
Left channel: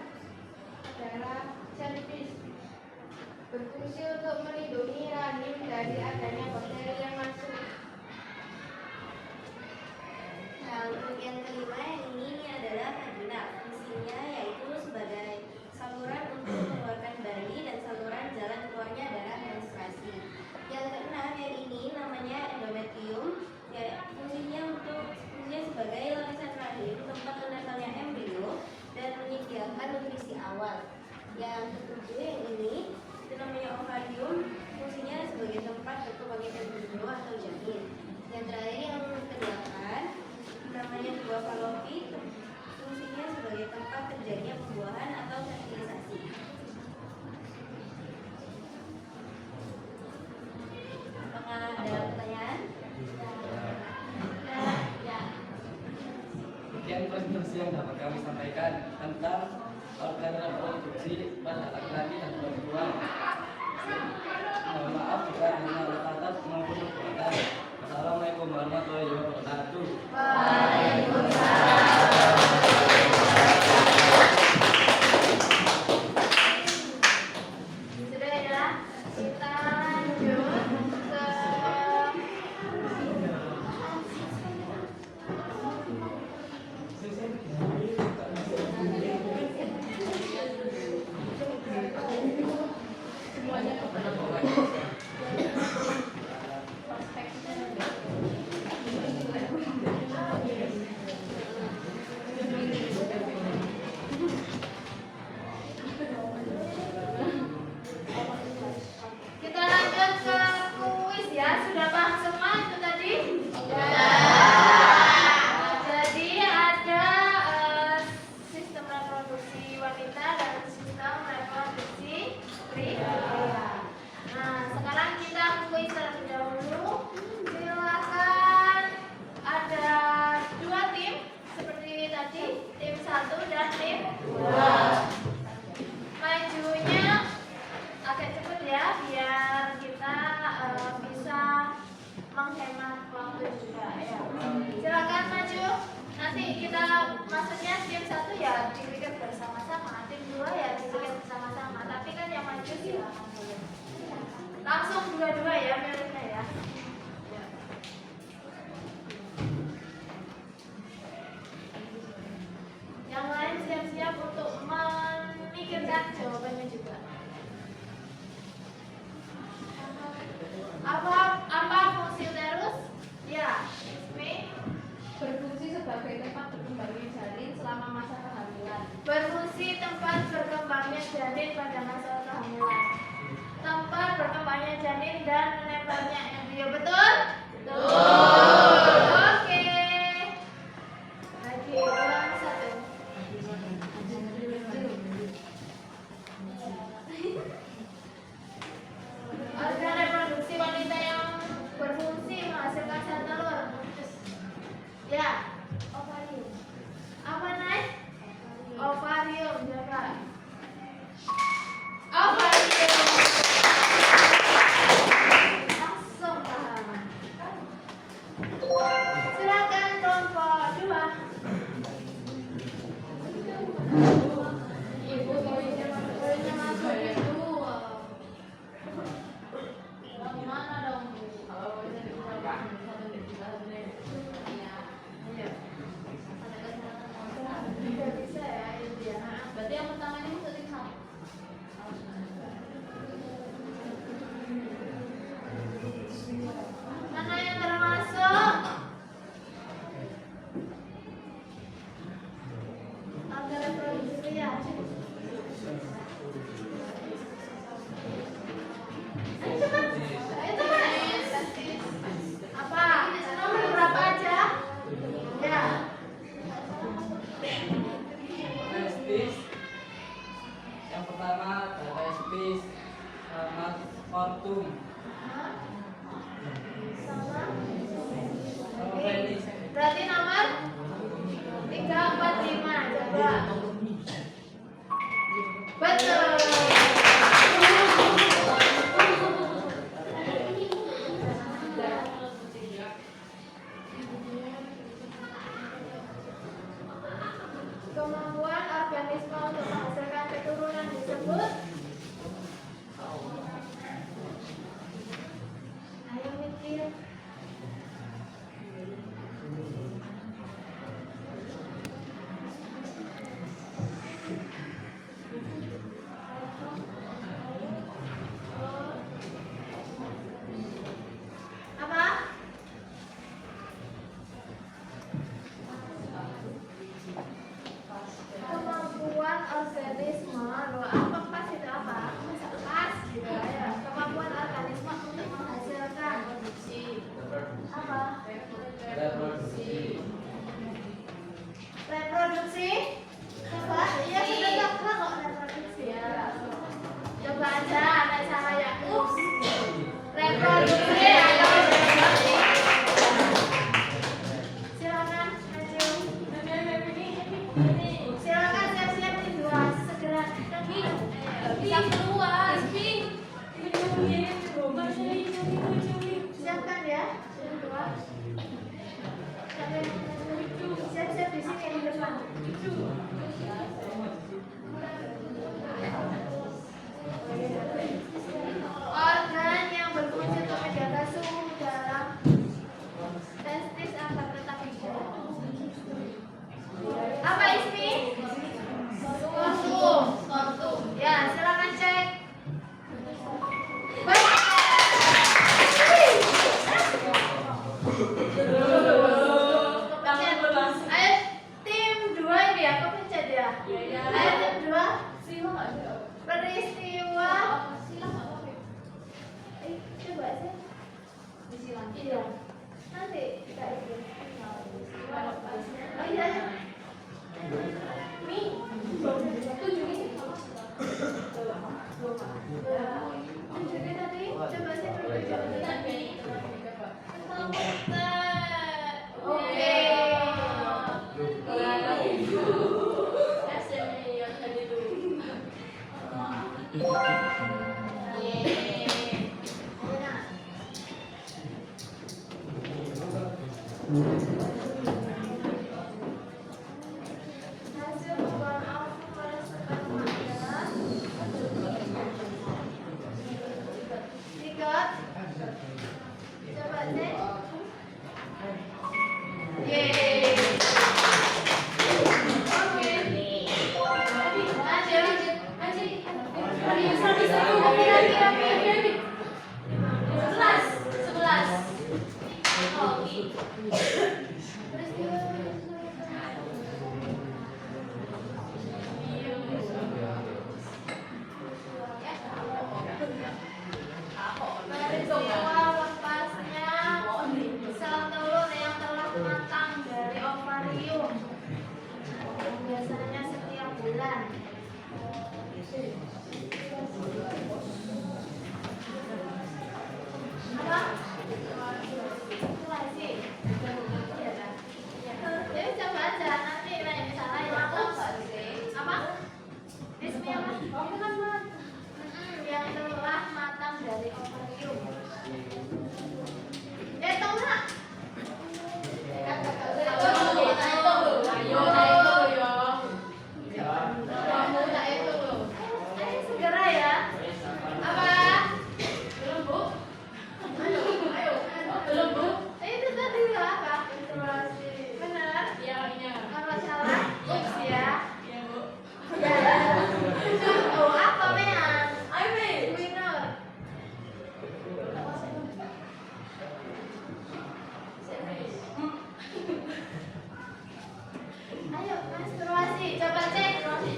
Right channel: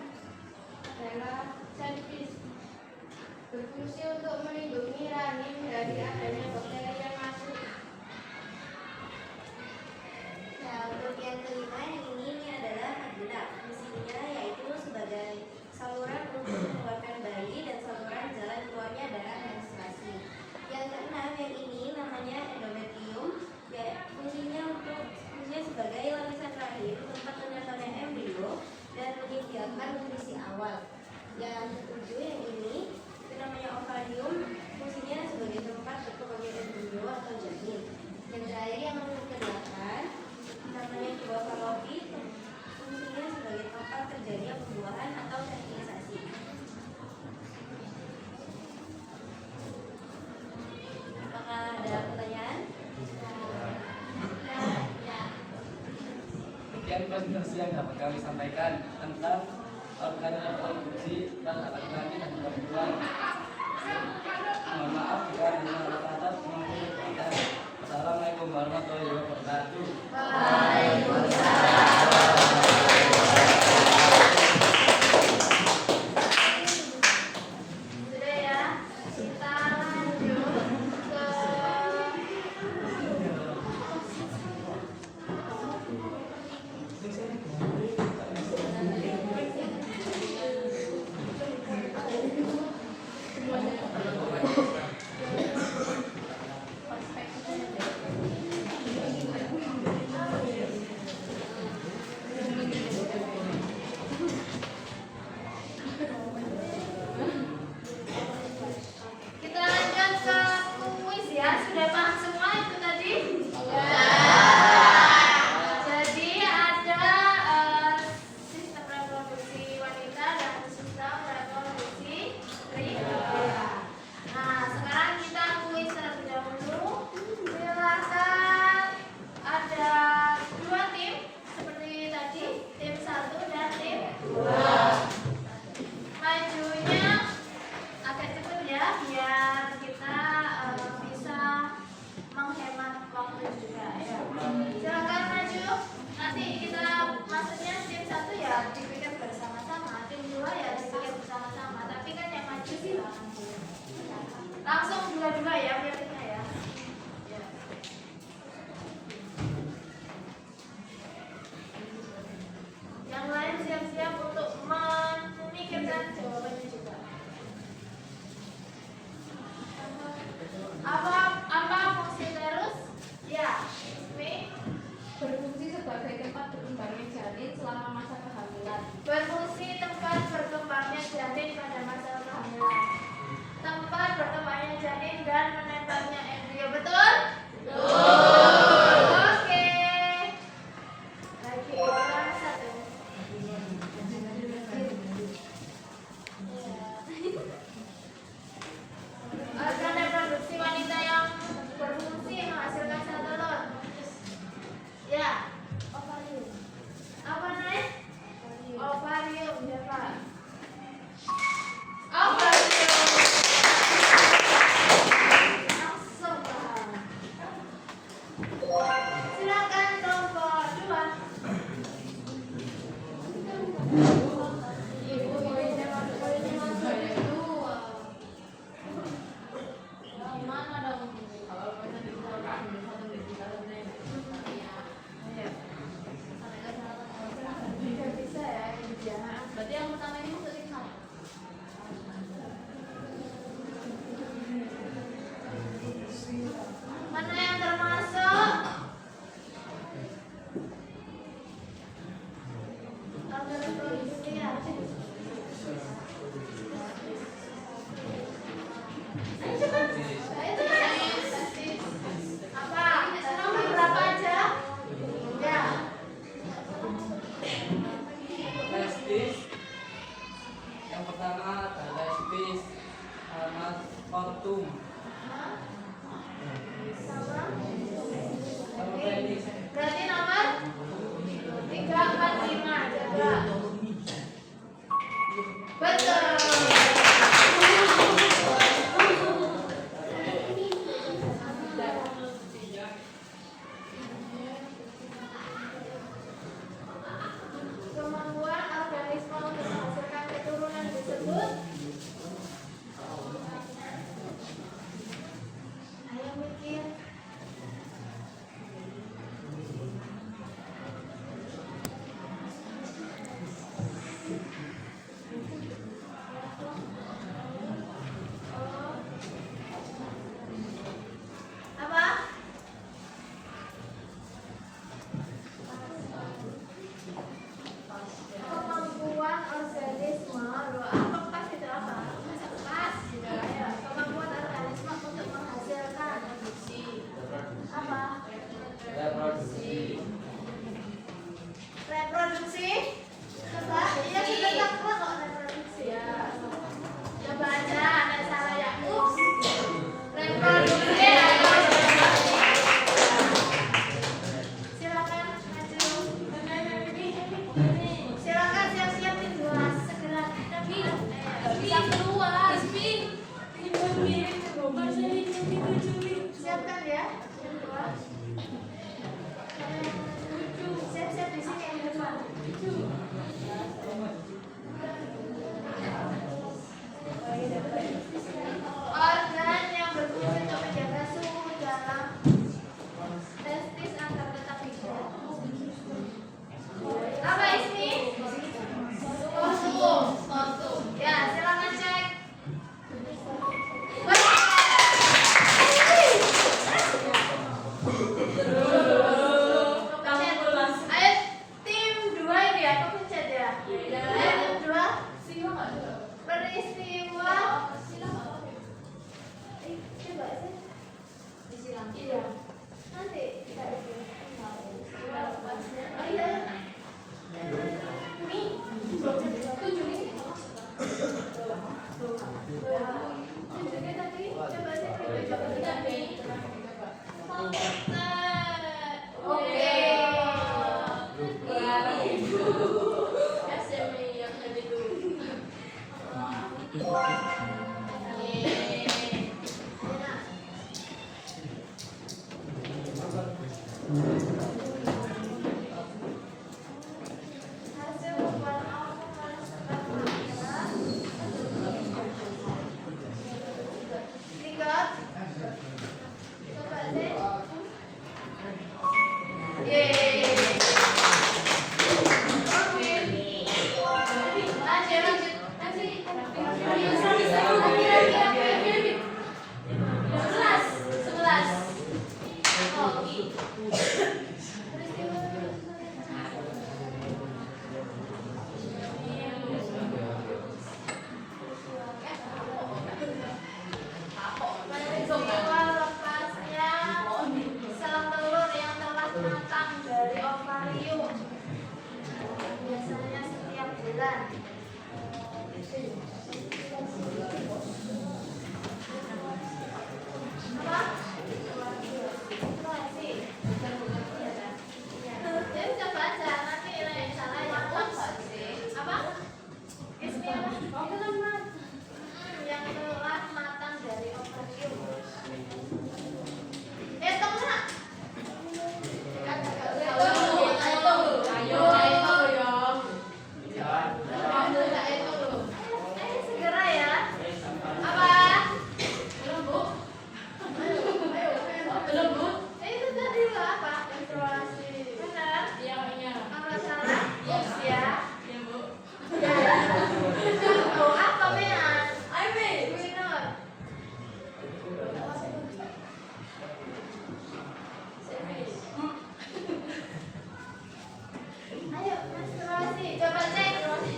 adalah cervix. Berfungsi untuk melindungi rahim dari adanya bakteri yang masuk. Nah, untuk yang kelima yang ini adalah vagina. Fungsinya yaitu sebagai saluran untuk mengeluarkan bayi dan saluran jalan keluarnya adalah menstruasi. Yang keenam yang ini namanya endometrium. Ya, fungsinya sebagai lapisan rahim tempat menempelnya embrio dan menyediakan nutrisi awal. Yang ketujuh yang ini itu namanya ovarium. Fungsinya sebagai tempat berkembangnya embrio atau janin. Yang terakhir yang kedelapan namanya buah fallopi. Fungsinya sebagai tempat terjadinya pembuahan atau fertilisasi. Apakah ada pertanyaan? Sekian presentasi yang dapat kami sampaikan tentang organ reproduksi pada laki-laki dan perempuan. Mohon maaf jika ada salah kata maupun perbuatan. Assalamualaikum warahmatullahi wabarakatuh. Sudah ya, kita lanjut ke tadi? Tim 1 dan tim 2. Majunya agak cepat ya, biar kita bisa menghemat waktu juga ya. Silakan maju. Nanti kita maksudnya tim 1 ya dipikir bersama-sama, tim 2 ya dipikir bersama-sama. Tapi kan yang maju silakan boleh. Langsung dua-dua ya miliknya ya. Ya. Yang lain siap-siap untuk memikirkan jawabannya juga. Apa fungsi uterus? Ya, Ismi. Berfungsi sebagai tempat berkembangnya janin selama masa kehamilan. Berfungsi tempat berkembangnya janin pada masa kehamilan. Tempat berkembangnya janin dan menempelnya embrio, betul? Betul. Oke. Lagi orang satu. Organ reproduksi wanita yang berfungsi menghasilkan sel telur. Ya, ovarium. Apa nih? Ovarium, ya Pak. Ovarium. Langsung paham. Silakan kelompok 2. Itu poinnya masuk itu Gimana dong? kalau poinnya di satu di tiga Iya. Tidak bisa ya, ini dia. berarti yang pertama ini masuk tim 1. Mana yang termasuk? Organ reproduksi ya. Ayo cepat. Ayo cepat. Apa? Nomor berapa aja? Ya. Testis. Yang pertama ada testis sama spertum sama penis. Berarti nomor 3, 4, 5. Coba. Betul. Kemampuan organisme untuk menghasilkan keturunan disebut. Ayo mikir. Apa? Kemampuan organisme, loh, apa pas itu apa? Masa pas gitu ya. Kemampuan organisme untuk menghasilkan produksi. Apa? Reproduksi. Reproduksi? Coba, iya sudah tak kok reproduksi ya. Coba aja, ada salah ya. Ups. Reproduksi atau reproduksi. Silakan maju. Silakan siap-siap tim 2 segera. Bisa keluar. Siapkan ya, tim 2. Siap-siap di sini di depan. Organ yang berfungsi untuk menjaga suhu dalam testis agar tetap hidup. Apa Ismi? Spertum. Ya, silakan cek. Baik. SMA yang tadi itu. Hasil pembuatan aku merasakan adalah tiga. Coba deh. Yeay. Oke. Lanjut. Peristiwa lepasnya sel telur yang telah matang dari ovarium biasanya setiap bulan. Apa? Masih. Jadi coba aja nanti yang salah yang apa? Bismillah. Itu kan yang telah matang dari ovarium. Hitung nggak? Segera ya. Apa? Itu tadi apa? Benar? Kalau salah, ups ya. Contoh apa, Mean? Minor. Ayo, menstruasi. Coba cek. Ayo, menstruasi.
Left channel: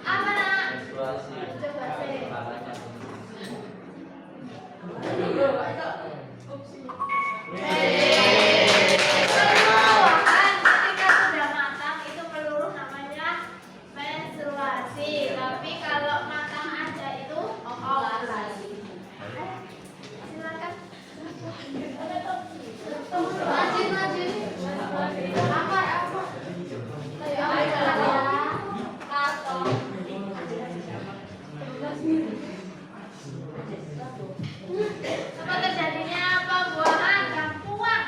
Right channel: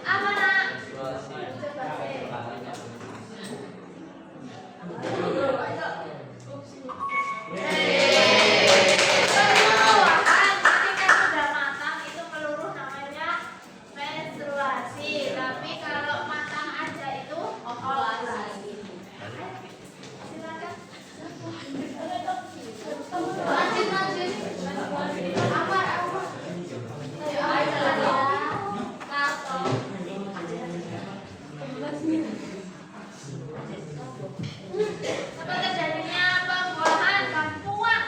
Apa nak? Coba cek. Penyuluhan ketika sudah matang itu meluruh namanya menstruasi. Tapi kalau matang aja itu ovulasi. Silakan. Lanjut. Apa? Apa terjadinya pembuahan kampungan?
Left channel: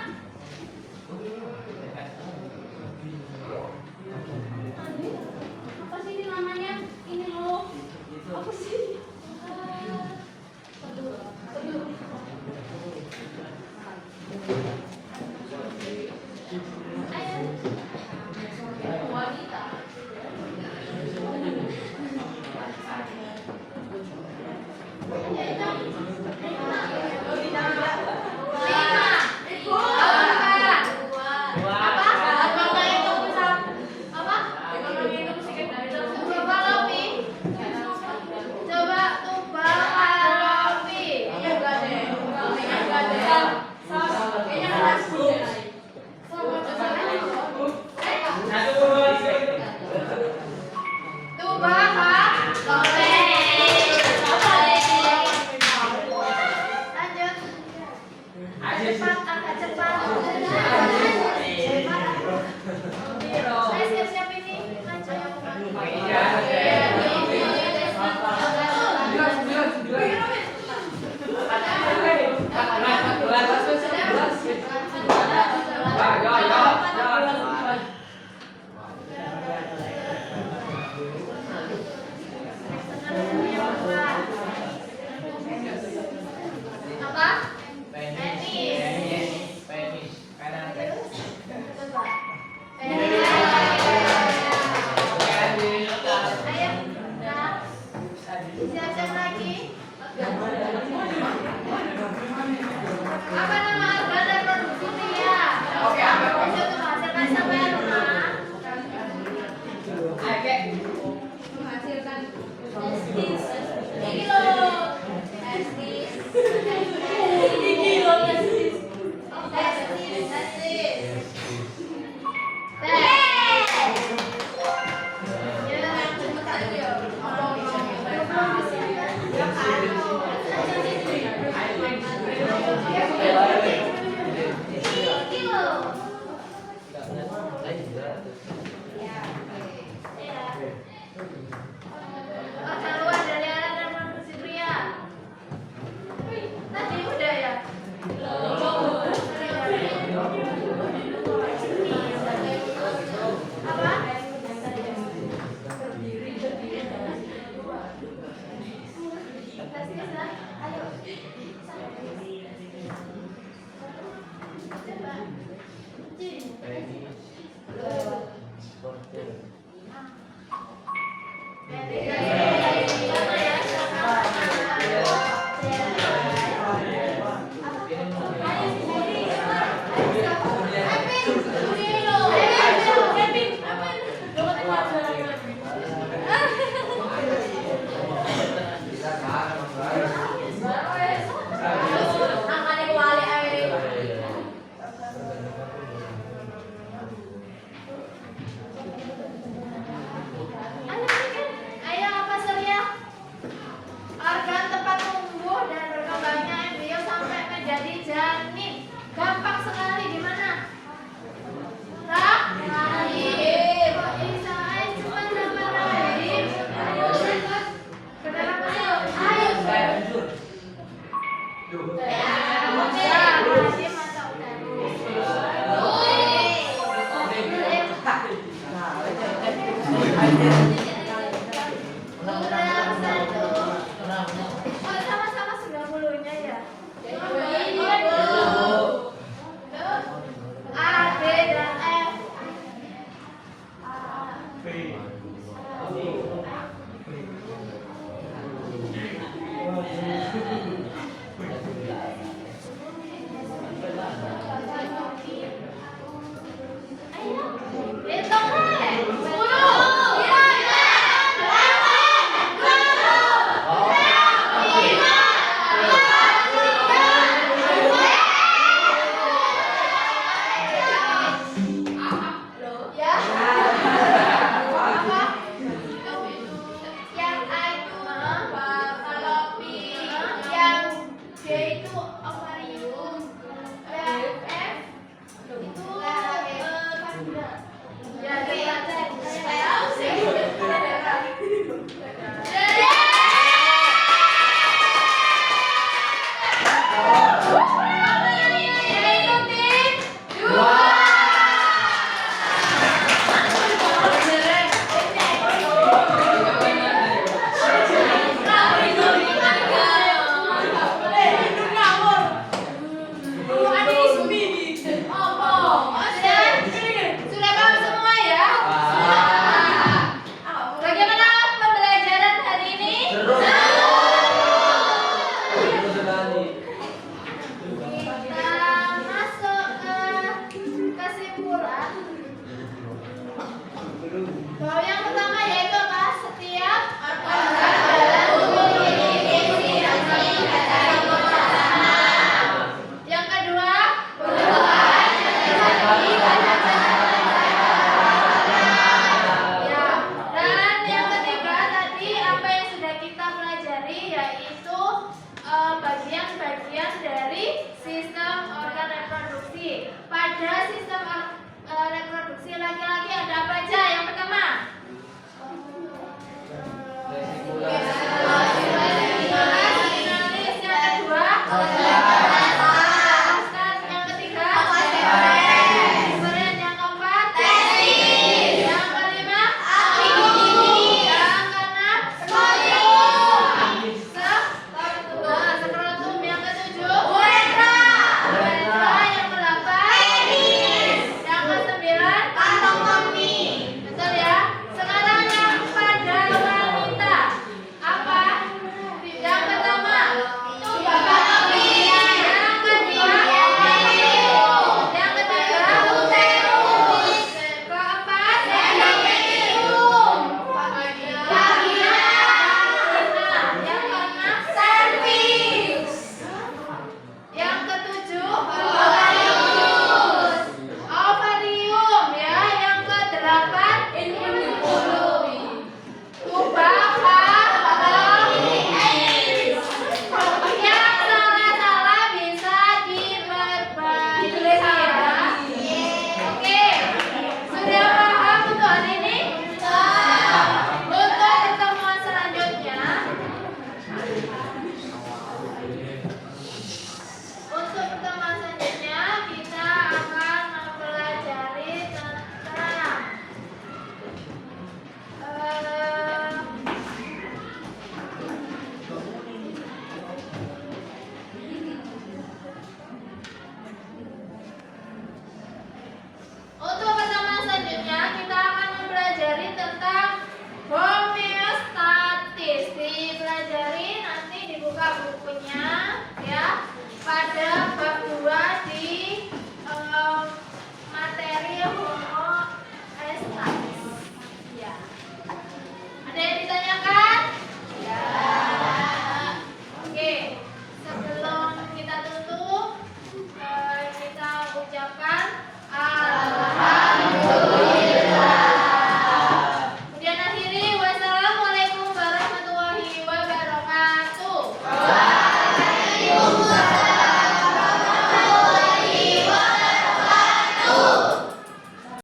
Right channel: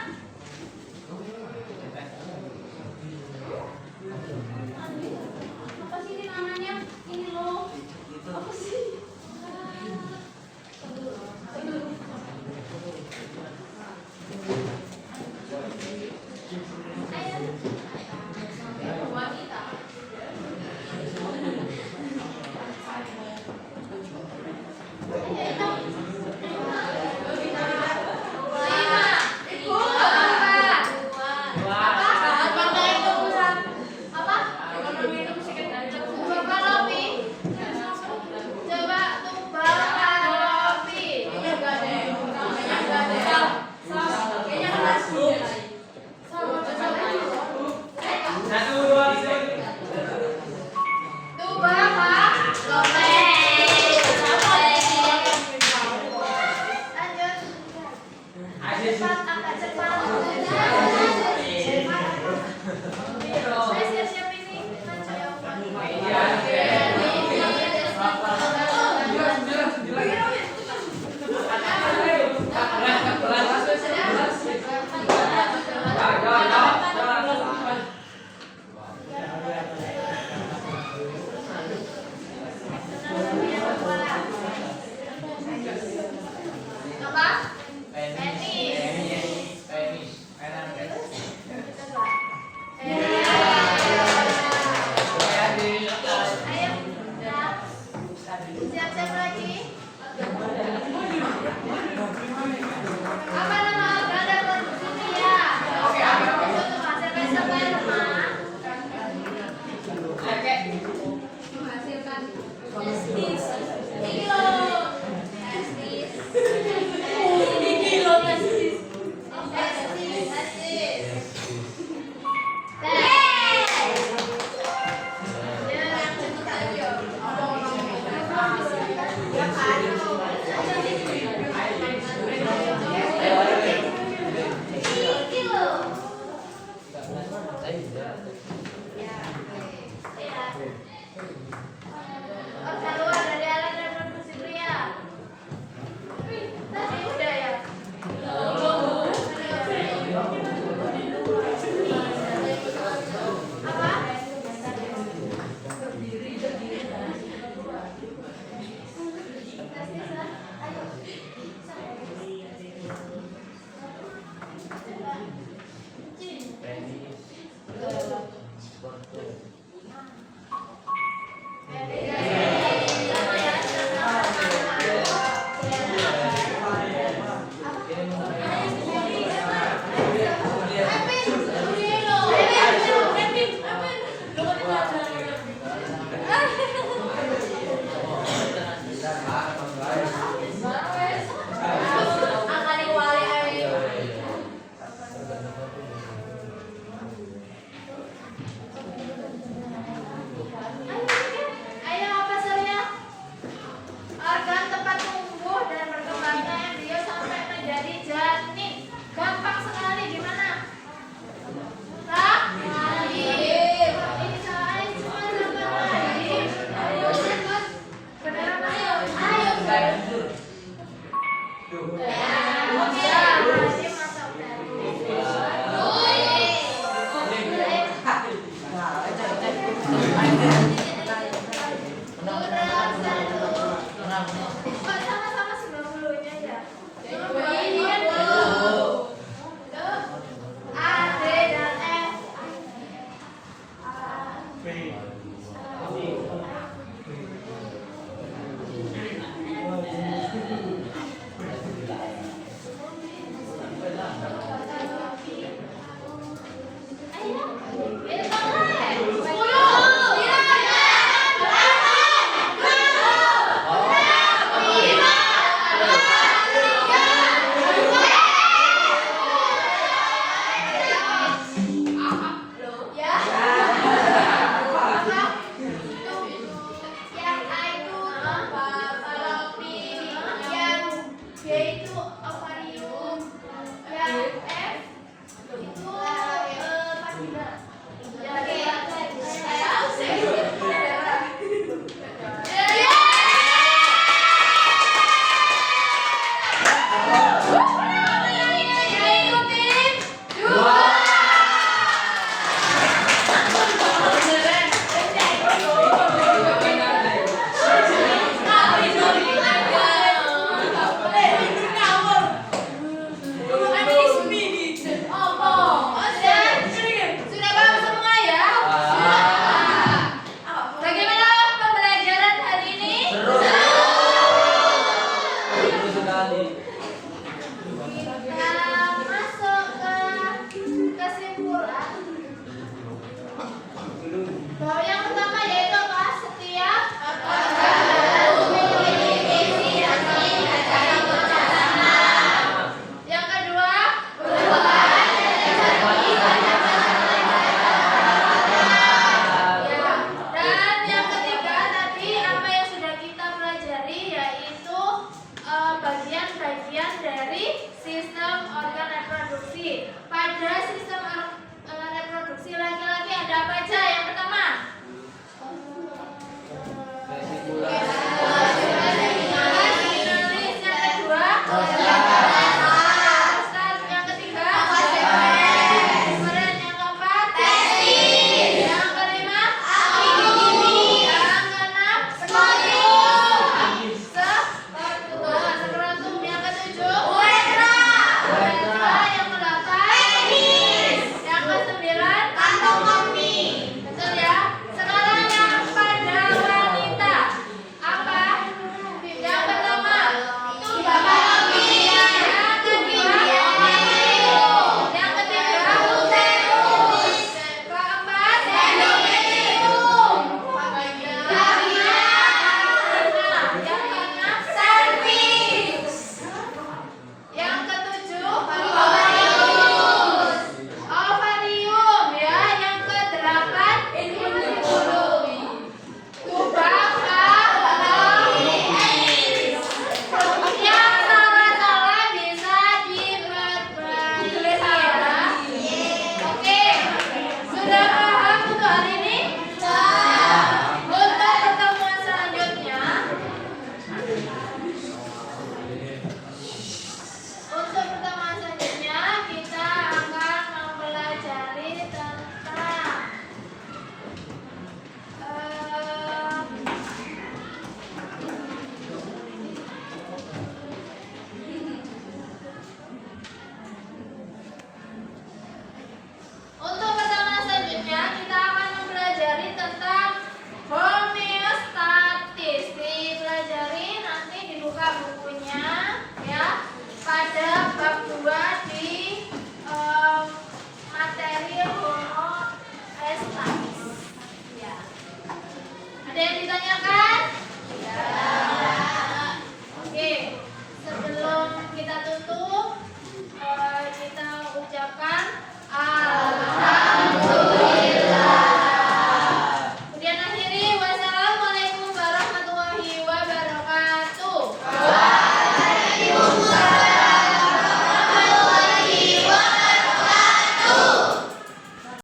Apa sih ini namanya? Ini loh. Apa sih? Wanita. Organ luar dari alat reproduksi pria. Tadi udah ya. Apa? Ayo. Ayo apa Surya? Organ tempat tumbuh dan berkembangnya embrio sampai menjadi janin. Gampang sekali, gimana? Rahim. Ini saya cuma gambar rahim. Ayo, terus. Beneran ayo. Ayo. Oke, rahim atau sama-sama 90-nya ya. Ini kan A, D, dan F. Ayo, hitung deh. 10, 9, 8, 7, yang A itu Fallopi, yang D itu aquarium, yang F itu vagina. Ya, saya tahu sih. Sudah paham semua ya? Bagaimana pembelajaran hari ini? Kita masuk ke kesimpulan. Bahwa yang pertama yaitu apa? Setiap organ memiliki fungsi dan bersama. Yang kedua, ya. Dan yang ketiga tadi apa yang sudah kita pelajari yaitu bagian-bagian dari sistem organ reproduksi. Pada sistem reproduksi laki-laki ada apa aja? Yang pertama, finalis. Yang kedua, prostat. Yang ketiga, kemudian yang keempat, yang kelima, yang keenam, skrotum. Yang ketujuh, uretra. Yang kedelapan, yang kesembilan, kantong kemih. Ada yang ditanyakan?